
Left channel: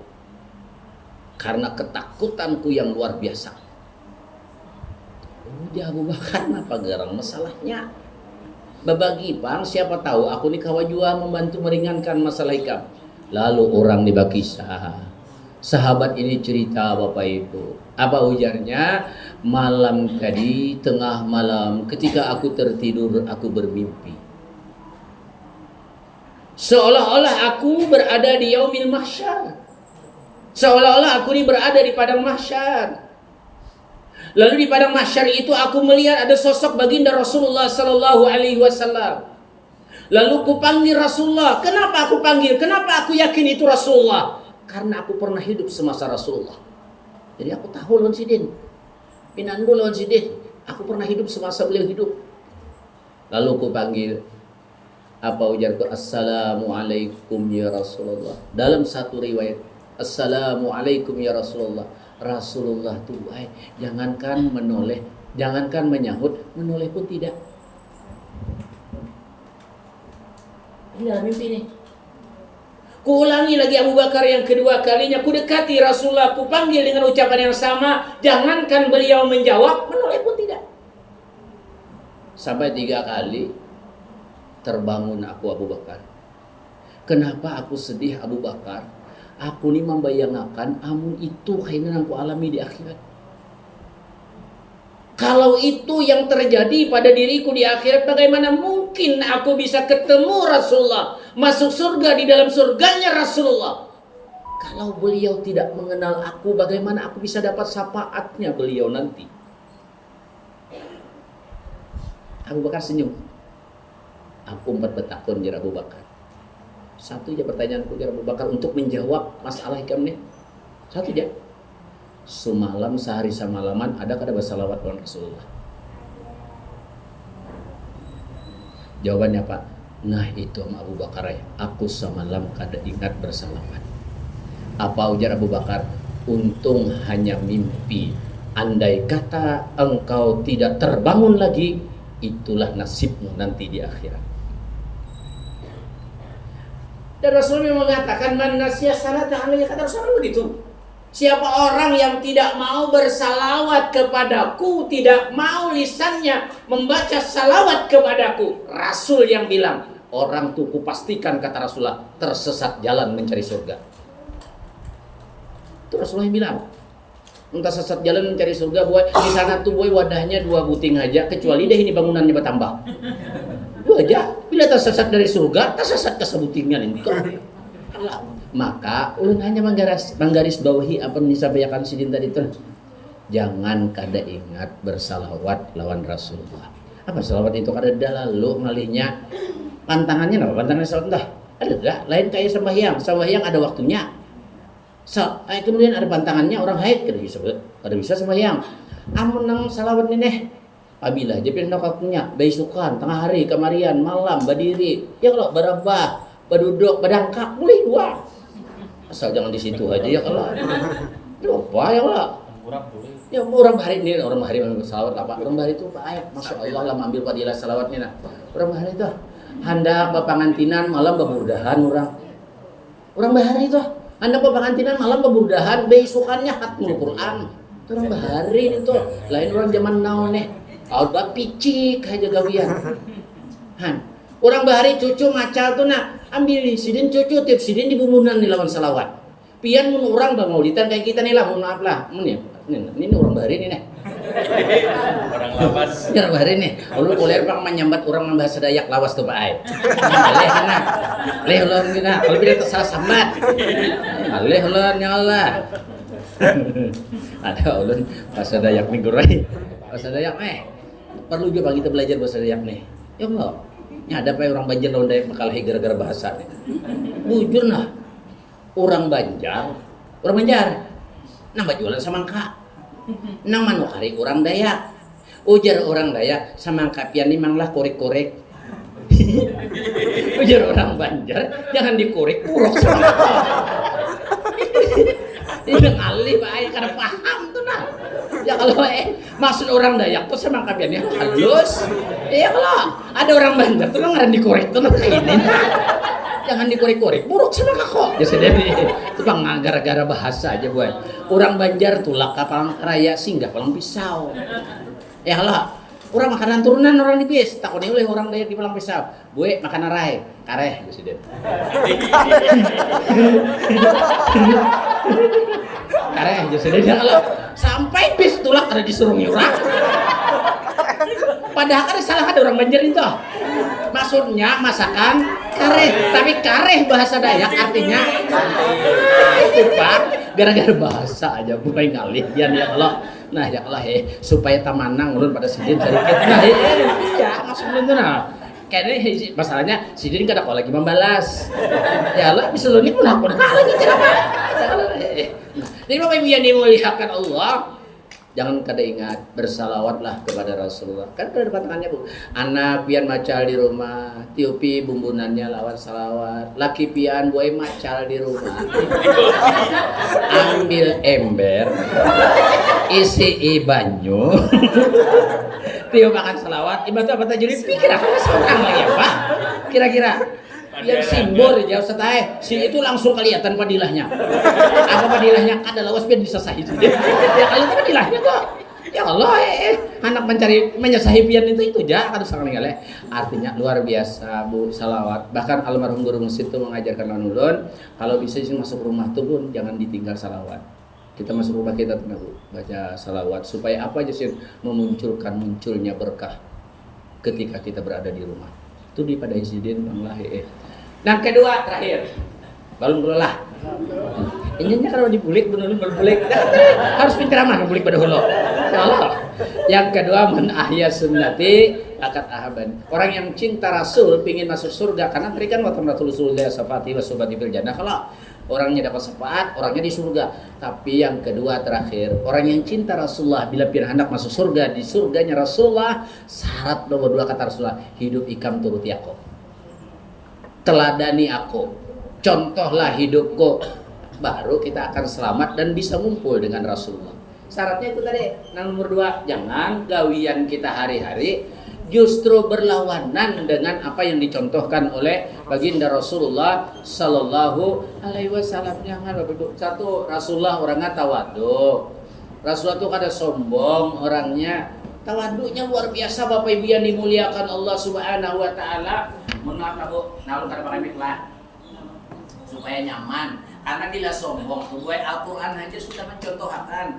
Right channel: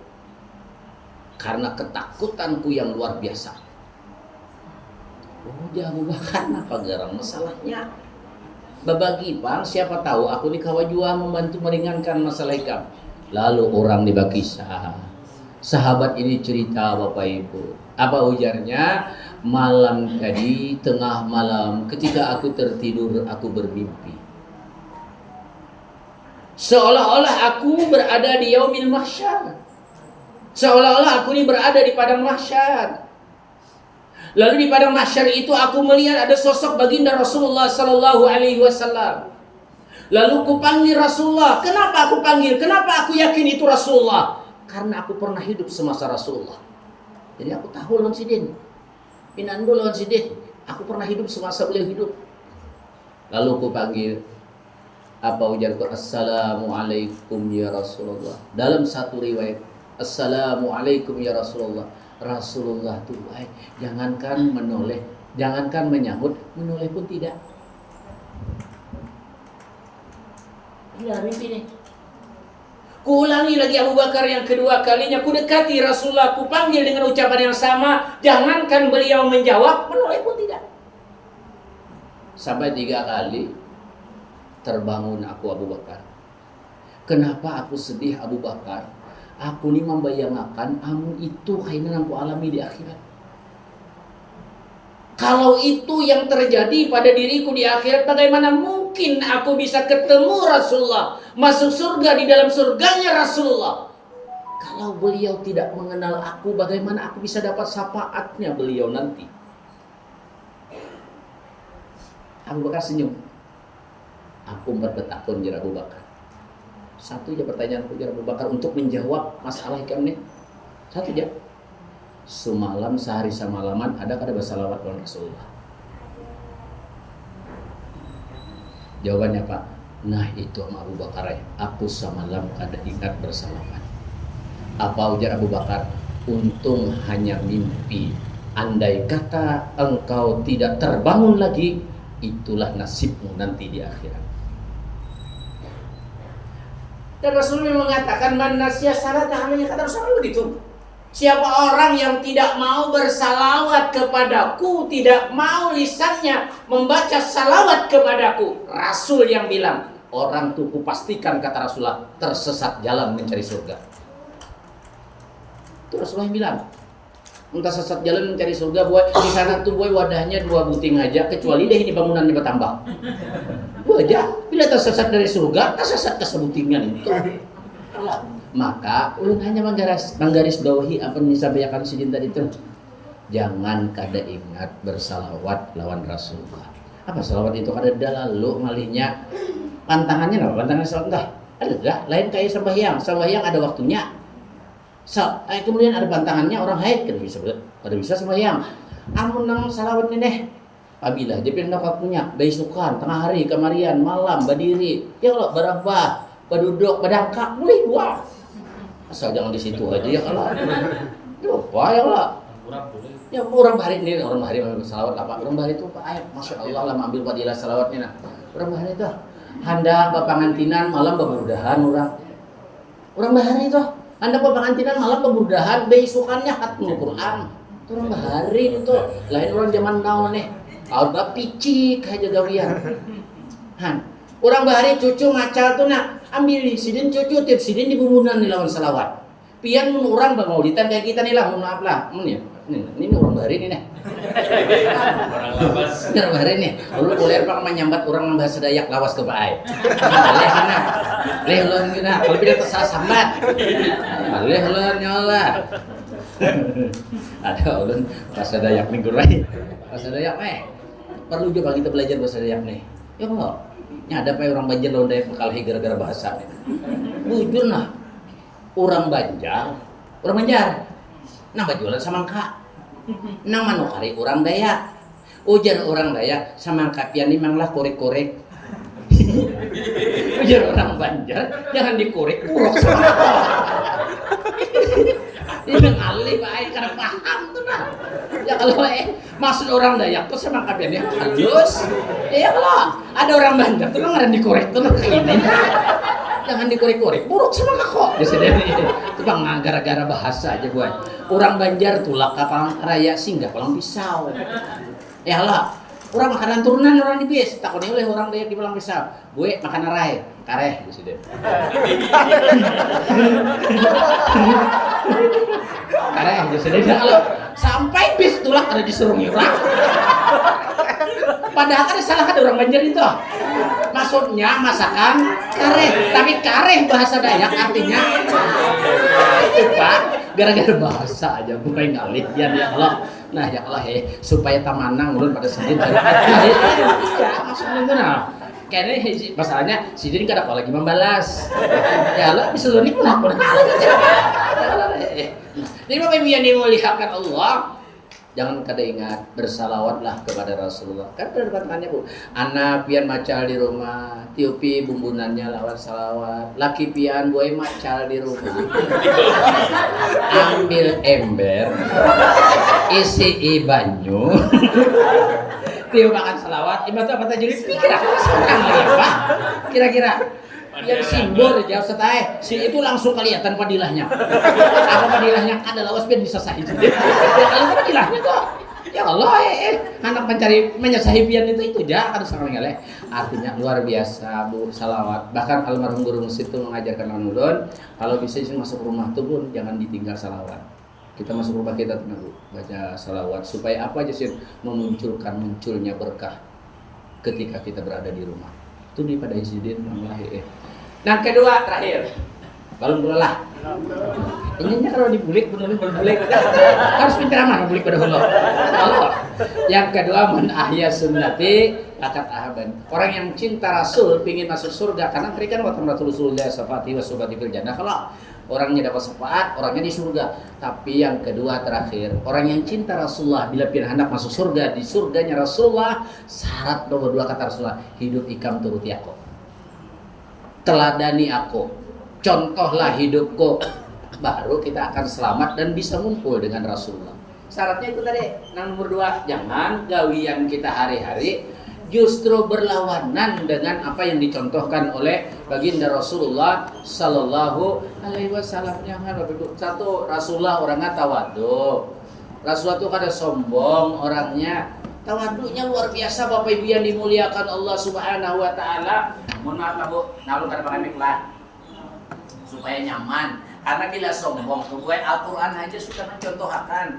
Karena ketakutanku yang luar biasa. Oh, dia Abu Bakar apa garang masalahnya? Berbagi bang, siapa tahu aku ni kawa jua membantu meringankan masalah ikam. Lalu orang dibakisah. Sahabat ini cerita Bapak Ibu. Apa ujarnya? Malam tadi, tengah malam, ketika aku tertidur, aku bermimpi. Seolah-olah aku berada di yaumil mahsyar. Seolah-olah aku ini berada di padang mahsyar. Lalu di padang mahsyar itu aku melihat ada sosok baginda Rasulullah sallallahu alaihi wasallam. Lalu ku panggil Rasulullah. Kenapa aku panggil? Kenapa aku yakin itu Rasulullah? Karena aku pernah hidup semasa Rasulullah. Jadi aku tahu lawan sidin. Pinanggo lawan sidin. Aku pernah hidup semasa beliau hidup. Lalu ku panggil. Apa ujarku? "Assalamualaikum ya Rasulullah." Dalam satu riwayat, "Assalamualaikum ya Rasulullah." Rasulullah tuh jangankan menoleh, jangankan menyahut, menoleh pun tidak. Ini dalam mimpi nih. Ku ulangi lagi Abu Bakar yang kedua kalinya, ku dekati Rasulullah, ku panggil dengan ucapan yang sama, jangankan beliau menjawab, menoleh pun tidak. Sampai 3 kali terbangun aku Abu Bakar. Kenapa aku sedih Abu Bakar? Aku ni membayangkan amun itu kainan aku alami di akhirat. Kalau itu yang terjadi pada diriku di akhirat, bagaimana mungkin aku bisa ketemu Rasulullah, masuk surga di dalam surganya Rasulullah? Kalau beliau tidak mengenal aku, bagaimana aku bisa dapat syafaatnya beliau nanti? Abu Bakar senyum. Aku umpat betakun jar Abu Bakar. Satu aja pertanyaanku jar Abu Bakar untuk menjawab masalah hikam ini. Satu aja. Semalam sehari semalaman ada kada bersalawat kepada Rasulullah? Jawabannya Pak, nah itu sama Abu Bakar ya. Aku semalam kada ingat bersalawat. Apa ujar Abu Bakar? Untung hanya mimpi. Andai kata engkau tidak terbangun lagi, itulah nasibmu nanti di akhirat. Dan Rasulullah mengatakan, man nasiya salatan alayya, kata Rasulullah begitu. Siapa orang yang tidak mau bersalawat kepadaku, tidak mau lisannya membaca salawat kepadaku, Rasul yang bilang, orang tuh kupastikan, kata Rasulullah, tersesat jalan mencari surga. Itu Rasulullah yang bilang. Entah sesat jalan mencari surga, boy. Di sana tuh boy wadahnya 2 buting aja, kecuali deh ini bangunannya bertambah. Itu aja. Bila tersesat dari surga, tersesat ke sebutingan itu. Maka ulun hanya menggaris bawahi apa yang disampaikan Sidin tadi itu. Jangan kada ingat bersalawat lawan Rasulullah. Apa salawat itu kada lalu malihnya pantangannya apa? Pantangan salawat dah. Ada dah, lain kayak sembahyang ada waktunya. Kemudian ada pantangannya orang haid kada bisa sembahyang. Amun nang salawat ini deh. Apabila dia pindah kakunya, besukan, tengah hari, kemarian, malam, berdiri, ya Allah, berabah, berduduk, berdangkak, boleh dua. Asal jangan di situ aja ya Allah. Ya apa ya Allah? Ya orang bahari ini, orang bahari mengambil salawat apa? Orang bahari itu ayat, masya Allah lah mengambil fadilah salawatnya. Nah, orang bahari itu hendak bapangantinan malam bebudahan orang. Orang bahari itu hendak bapangantinan malam bebudahan, besukannya khatmul Quran. Itu orang bahari itu, lain orang zaman now nih. Alba picik aja gawian. Han, orang bahari cucu macal tuh nak ambil di sidin cucu tiap sidin di bumunan di lawan salawat. Pian mun orang bang maulidan kayak kita nih lah, mohon maaf lah. Ini orang bahari nih nih. Orang bahari nih. Lalu boleh apa menyambat orang yang bahasa Dayak lawas ke baik. Leh mana? Leh ulun gina. Kalau tidak tersalah sambat. Leh ulun nyala. Ada ulun bahasa Dayak nih gurai. Bahasa Dayak perlu juga kita belajar bahasa Dayak nih. Ya Allah. Nya ada apa orang Banjar lawan Dayak berkalahi gara-gara bahasa nih. Bujur nah. Orang Banjar nambah jualan samangka. Nang manukari orang Dayak. Ujar orang Dayak samangka pian memanglah korek-korek. Ujar orang Banjar jangan dikorek urok samangka. Ini alih baik karena paham tuh nah. Ya kalau maksud orang Dayak tuh semangka piannya halus. Ya kalau ada orang Banjar tuh ngaran dikorek tuh kayak ini. Jangan dikorek-korek, buruk semangka kok. Ya sendiri. Itu bang gara-gara bahasa aja buat. Orang Banjar tulak kapal raya singgah palang pisau. Ya Allah, orang makanan turunan orang di bis. Takutnya oleh orang Dayak di palang pisau. Gue makan arai, kareh, presiden. Kareh, presiden. Ya Allah, sampai bis tulak ada disuruh nyurang. Padahal kan salah ada orang Banjar itu. Maksudnya masakan kareh, tapi kareh bahasa Dayak artinya itu Pak, gara-gara bahasa aja bukan ngalih ya Allah. Nah ya Allah supaya tamanang ulun pada sidin cari ya maksudnya itu nah. Kayaknya masalahnya sidin kada lagi membalas. Ya Allah bisa lu nih pun aku lagi jadi Bapak Ibu yang dimuliakan Allah, jangan kada ingat bersalawatlah kepada Rasulullah. Kan ada pantangannya Bu. Anak pian macal di rumah, tiupi bumbunannya lawan salawat. Laki pian boy macal di rumah. Ambil ember, isi banyu. Tiup makan salawat. Ibadah apa tajwid? Kira-kira seorang lah ya Pak. Kira-kira yang simbol jauh setai si itu langsung kelihatan padilahnya. Apa padilahnya ada lawas biar bisa sahih. Ya kalau itu padilahnya tuh. Ya Allah anak mencari menyasahi pian itu aja harus sangat ngale. Artinya luar biasa Bu salawat. Bahkan almarhum guru musik itu mengajarkan ulun kalau bisa sih masuk rumah tuh Bu jangan ditinggal salawat. Kita masuk rumah kita tuh Bu baca salawat supaya apa aja sih munculnya berkah ketika kita berada di rumah. Itu di pada insiden Allah Nah kedua terakhir balon lah. Ini kalau dibulik benar bulik harus pintar aman bulik pada hulu. Allah. Yang kedua men ahya sunnati akat ahaban. Orang yang cinta Rasul pingin masuk surga karena berikan wa Rasulullah safati wa subati fil jannah. Kalau orangnya dapat syafaat, orangnya di surga. Tapi yang kedua terakhir, orang yang cinta Rasulullah bila pun hendak masuk surga, di surganya Rasulullah, syarat nomor 2 kata Rasulullah, hidup ikam turuti aku. Teladani aku. Contohlah hidupku. Baru kita akan selamat dan bisa ngumpul dengan Rasulullah. Syaratnya itu tadi. Yang nomor 2, jangan gawian kita hari-hari justru berlawanan dengan apa yang dicontohkan oleh baginda Rasulullah Sallallahu Alaihi Wasallam. Jangan Bapak Ibu. Satu, Rasulullah orangnya tawadhu. Rasulullah itu kada sombong orangnya. Tawadhunya luar biasa Bapak Ibu yang dimuliakan Allah Subhanahu Wa Taala. Mohon maaf lah Bu, nalu kada pakai mic lah supaya nyaman. Karena bila sombong tuh gue Al-Quran aja sudah mencontohkan.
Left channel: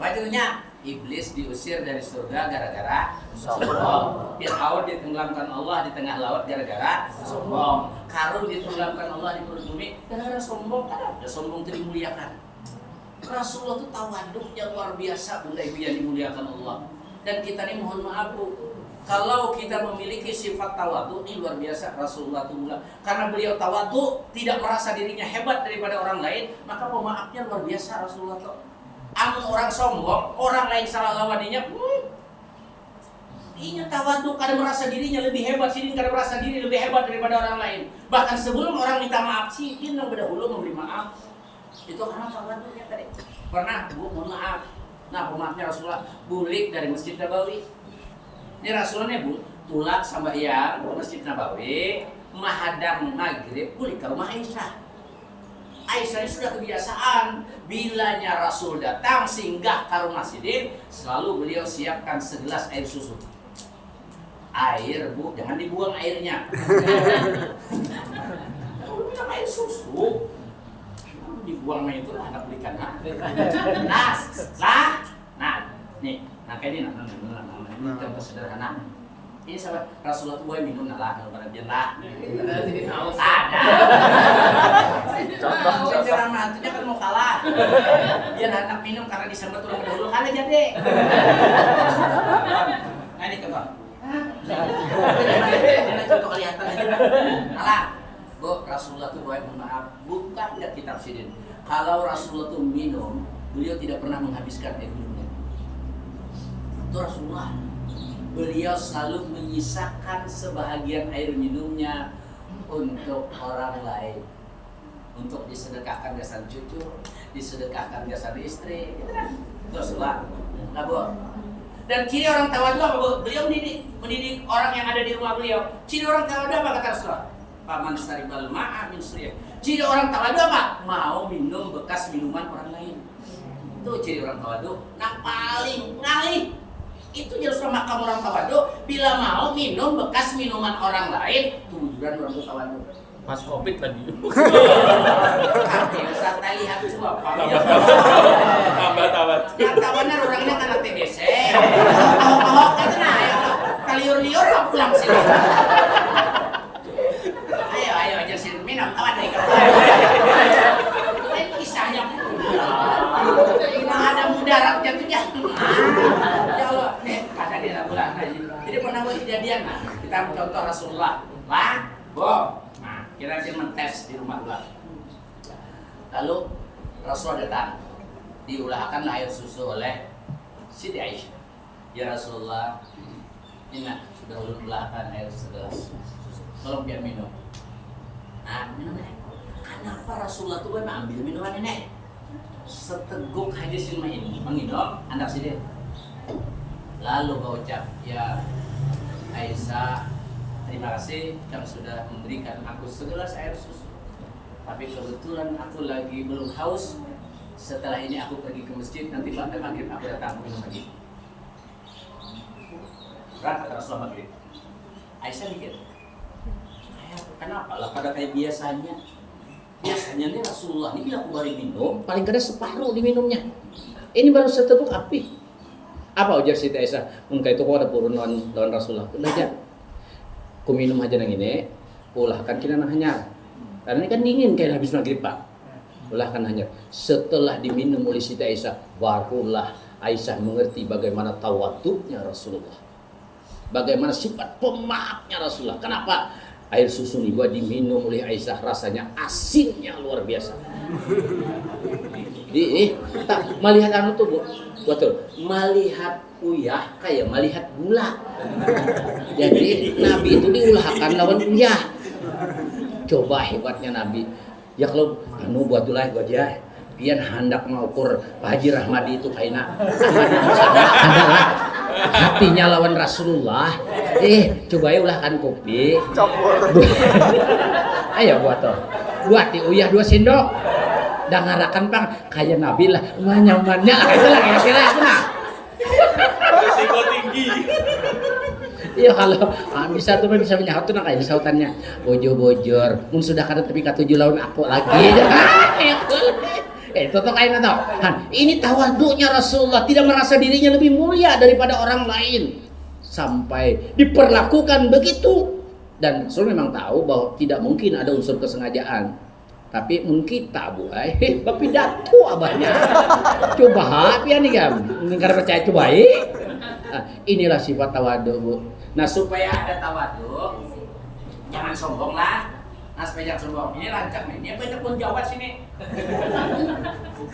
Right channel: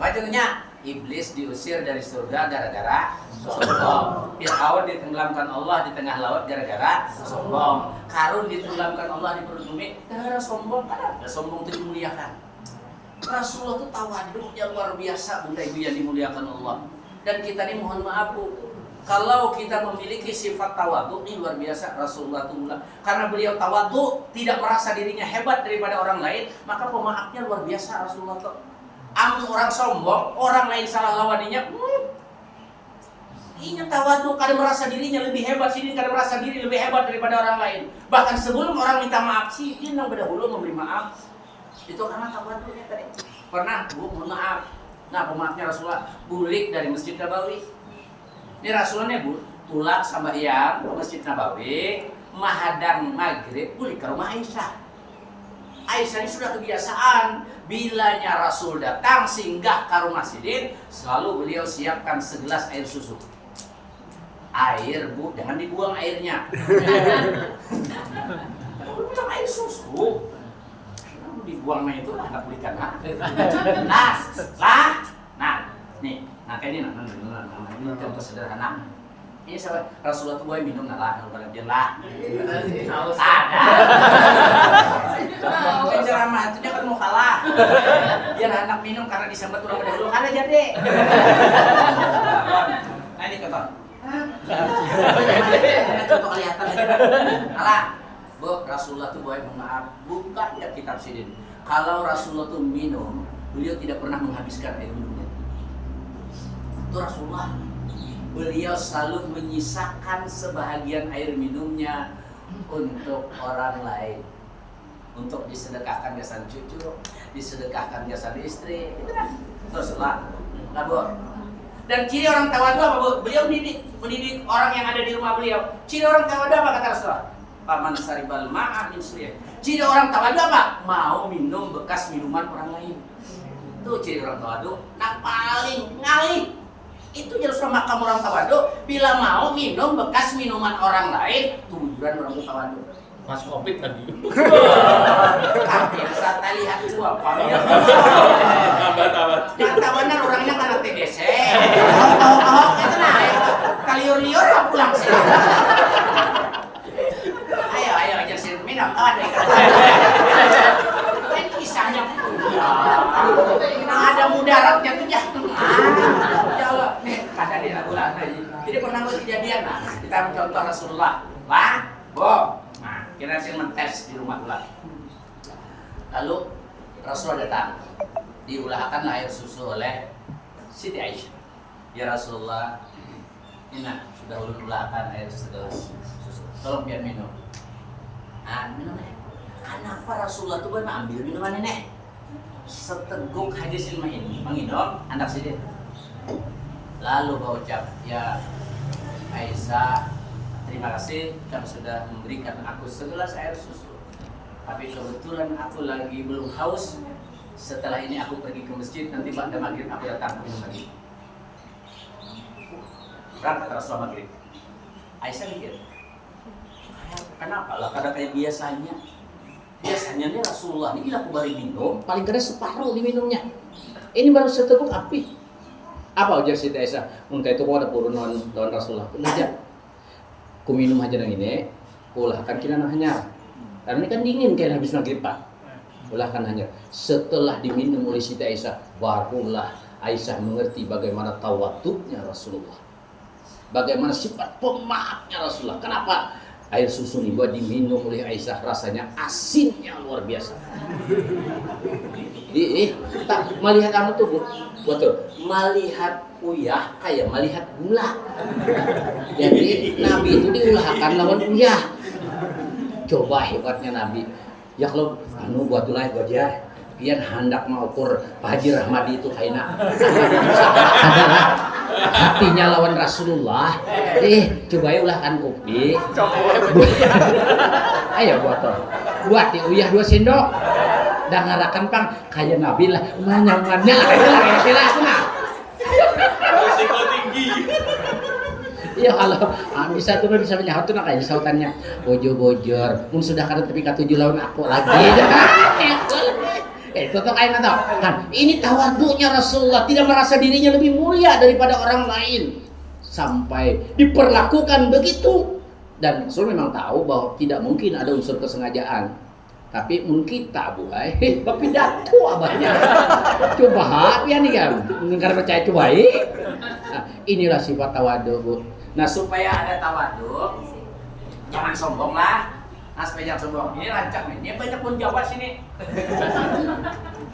Apa contohnya? Iblis diusir dari surga gara-gara sombong. Fir'aun ditenggelamkan Allah di tengah laut gara-gara sombong. Karun ditenggelamkan Allah di perut bumi gara-gara sombong. Kan ada sombong itu dimuliakan. Rasulullah itu tawadhunya luar biasa Bunda Ibu yang dimuliakan Allah. Dan kita ini mohon maaf Bu, kalau kita memiliki sifat tawadhu ini luar biasa Rasulullah itu mulia. Karena beliau tawadhu, tidak merasa dirinya hebat daripada orang lain, maka pemaafnya luar biasa Rasulullah itu. Amun orang sombong, orang lain salah lawaninya, Inya tawadhu, kadang merasa dirinya lebih hebat, sini kadang merasa diri lebih hebat daripada orang lain. Bahkan sebelum orang minta maaf sih, dia yang berdahulu memberi maaf. Itu karena tawadhunya tadi. Pernah Bu, mohon maaf. Nah, pemaafnya Rasulullah bulik dari Masjid Nabawi. Ini Rasulullah Bu, pulang sambayang ke Masjid Nabawi, mahadang maghrib, bulik ke rumah Aisyah. Aisyah ini sudah kebiasaan bilanya Rasul datang singgah ke rumah Sidin, selalu beliau siapkan segelas air susu. Air Bu, jangan dibuang airnya. Bukan air susu. Dibuangnya itu anak belikan nah nih kayak ini ini contoh sederhana. Ini sahabat Rasulullah tuh minum lah kalau pada dia lah ada penceramah itu kan mau kalah biar anak minum karena disambat orang dahulu kalah jadi. Nah ini contoh contoh kelihatan aja kalah. Bu, Rasulullah tuh maaf, buka ya kitab Sidin. Kalau Rasulullah tuh minum, beliau tidak pernah menghabiskan air minumnya. Itu Rasulullah. Beliau selalu menyisakan sebahagian air minumnya untuk orang lain. Untuk disedekahkan jasa cucu, disedekahkan jasa istri, gitu kan? Rasulullah. Nah, Bu. Dan ciri orang tawadhu apa, Bu? Beliau mendidik orang yang ada di rumah beliau. Ciri orang tawadhu apa kata Rasulullah? Paman saribal ma'a min suyah. Ciri orang tawadhu apa? Mau minum bekas minuman orang lain. Itu ciri orang tawadhu. Nah paling ngalih itu jelas makam orang tawadhu. Bila mau minum bekas minuman orang lain, tujuan orang tawadhu. Mas Covid tadi. Tapi bisa tak lihat itu apa? Yang tak benar orangnya karena TBC. Ahok itu nah, kaliur-liur pulang sih. Ayo aja sih minum tawadhu. Itu kan kisahnya. Nah ada mudaratnya tuh ya. Ya Allah, nih kata dia ulang lagi. Jadi pernah buat kejadian nah, kita mencontoh Rasulullah. Lah, Bo. Nah, kita sih mentes di rumah ulah. Lalu Rasulullah datang. Diulahkan air susu oleh Siti Aisyah. Ya Rasulullah, ini sudah ulahkan air segelas susu. Tolong biar minum. Nah, minum nih. Kenapa Rasulullah tuh ambil minuman ini? Seteguk aja sih menginum, anak sini. Lalu kau ucap, ya Aisyah, terima kasih kamu sudah memberikan aku segelas air susu. Tapi kebetulan aku lagi belum haus. Setelah ini aku pergi ke masjid, nanti pada maghrib aku datang minum lagi. Berangkat Rasulullah maghrib. Aisyah mikir, kenapa lah kadang kayak biasanya? Biasanya nih Rasulullah ini bila aku bari minum, paling kada separuh diminumnya. Ini baru seteguk api. Apa ujar Siti Aisyah? Mungkin itu kau ada purun lawan Rasulullah. Udah aja. Ku minum aja yang ini, ulahkan kita hanya. Karena ini kan dingin kayak habis maghrib Pak. Ulahkan hanya. Setelah diminum oleh Siti Aisyah, barulah Aisyah mengerti bagaimana tawadhunya Rasulullah. Bagaimana sifat pemaafnya Rasulullah. Kenapa? Air susu ini buat diminum oleh Aisyah rasanya asinnya luar biasa. Tak melihat kamu tuh Bu, betul. Melihat uyah kayak melihat gula. Jadi Nabi itu diulahkan lawan uyah. Coba hebatnya Nabi. Ya kalau buat ulah aja. pian hendak mengukur Pak Haji Rahmadi itu kaina Adalah hatinya lawan Rasulullah. Coba ya ulah kan kopi. Campur. Ayo buat uyah 2 sendok. Dan ngarakan pang kayak Nabi lah nyamannya ya sila nah. Risiko tinggi. Iya kalau bisa tuh bisa menyahat tuh nak kayak sautannya bojor mun sudah kada tapi ka 7 lawan aku lagi. Itu tuh kayak nggak kan ini tawaduknya Rasulullah, tidak merasa dirinya lebih mulia daripada orang lain sampai diperlakukan begitu. Dan Rasul memang tahu bahwa tidak mungkin ada unsur kesengajaan, tapi mungkin kita buai pidato abahnya coba ya nih kan ingkar percaya coba inilah sifat tawaduk Bu. Nah supaya ada tawaduk jangan sombong lah. Nah supaya jangan sombong ini rancak nih dia banyak pun Jawa sini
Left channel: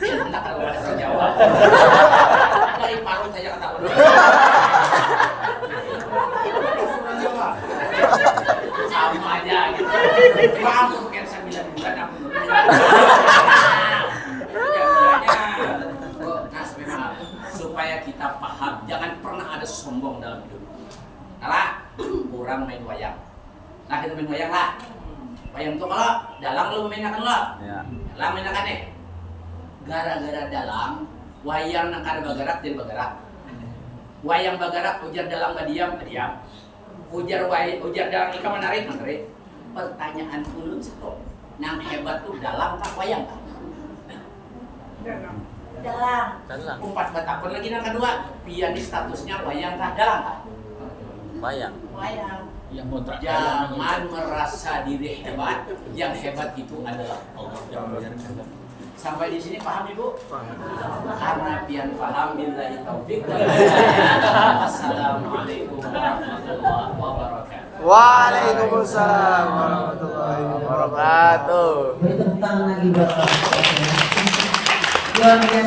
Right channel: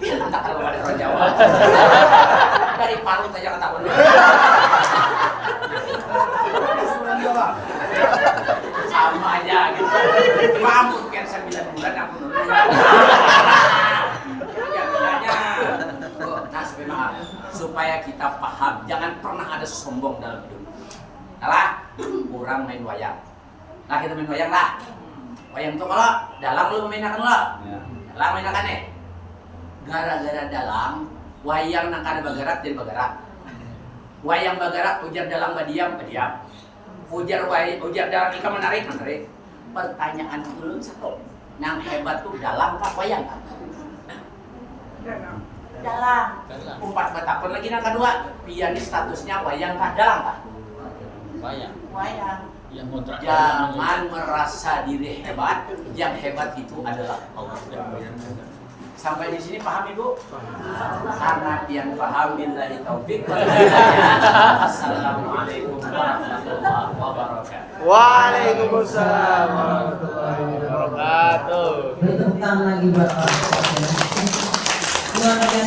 entah kalau ada orang Jawa dari Parut aja ketahuan sama aja gitu. Kamu kan 9 bulan aku nurut. Ya bilangnya. Nah, supaya kita paham, jangan pernah ada sombong dalam hidup. Alah, kurang main wayang. Nah, kita main wayang lah. Wayang tuh kalau dalang lu mainakan lo. Dalang mainakan nih. Gara-gara dalang, wayang nak kada bagarak jadi bagarak. Wayang bagarak ujar dalang badiam. Ujar dalang ika menarik. Pertanyaan ulun satu, nang hebat tuh dalang kah wayang kah? Dalang. Umpat batakon lagi nang kedua, pianis statusnya wayang kah dalang kah? Wayang. Yang kontrak. Jangan merasa diri hebat, yang hebat itu adalah Allah. Sampai di sini paham Ibu? Karena pian paham billahi taufik wal hidayah. Assalamualaikum warahmatullahi wabarakatuh. Waalaikumsalam warahmatullahi wabarakatuh. Tentang lagi Bapak. Luar biasa.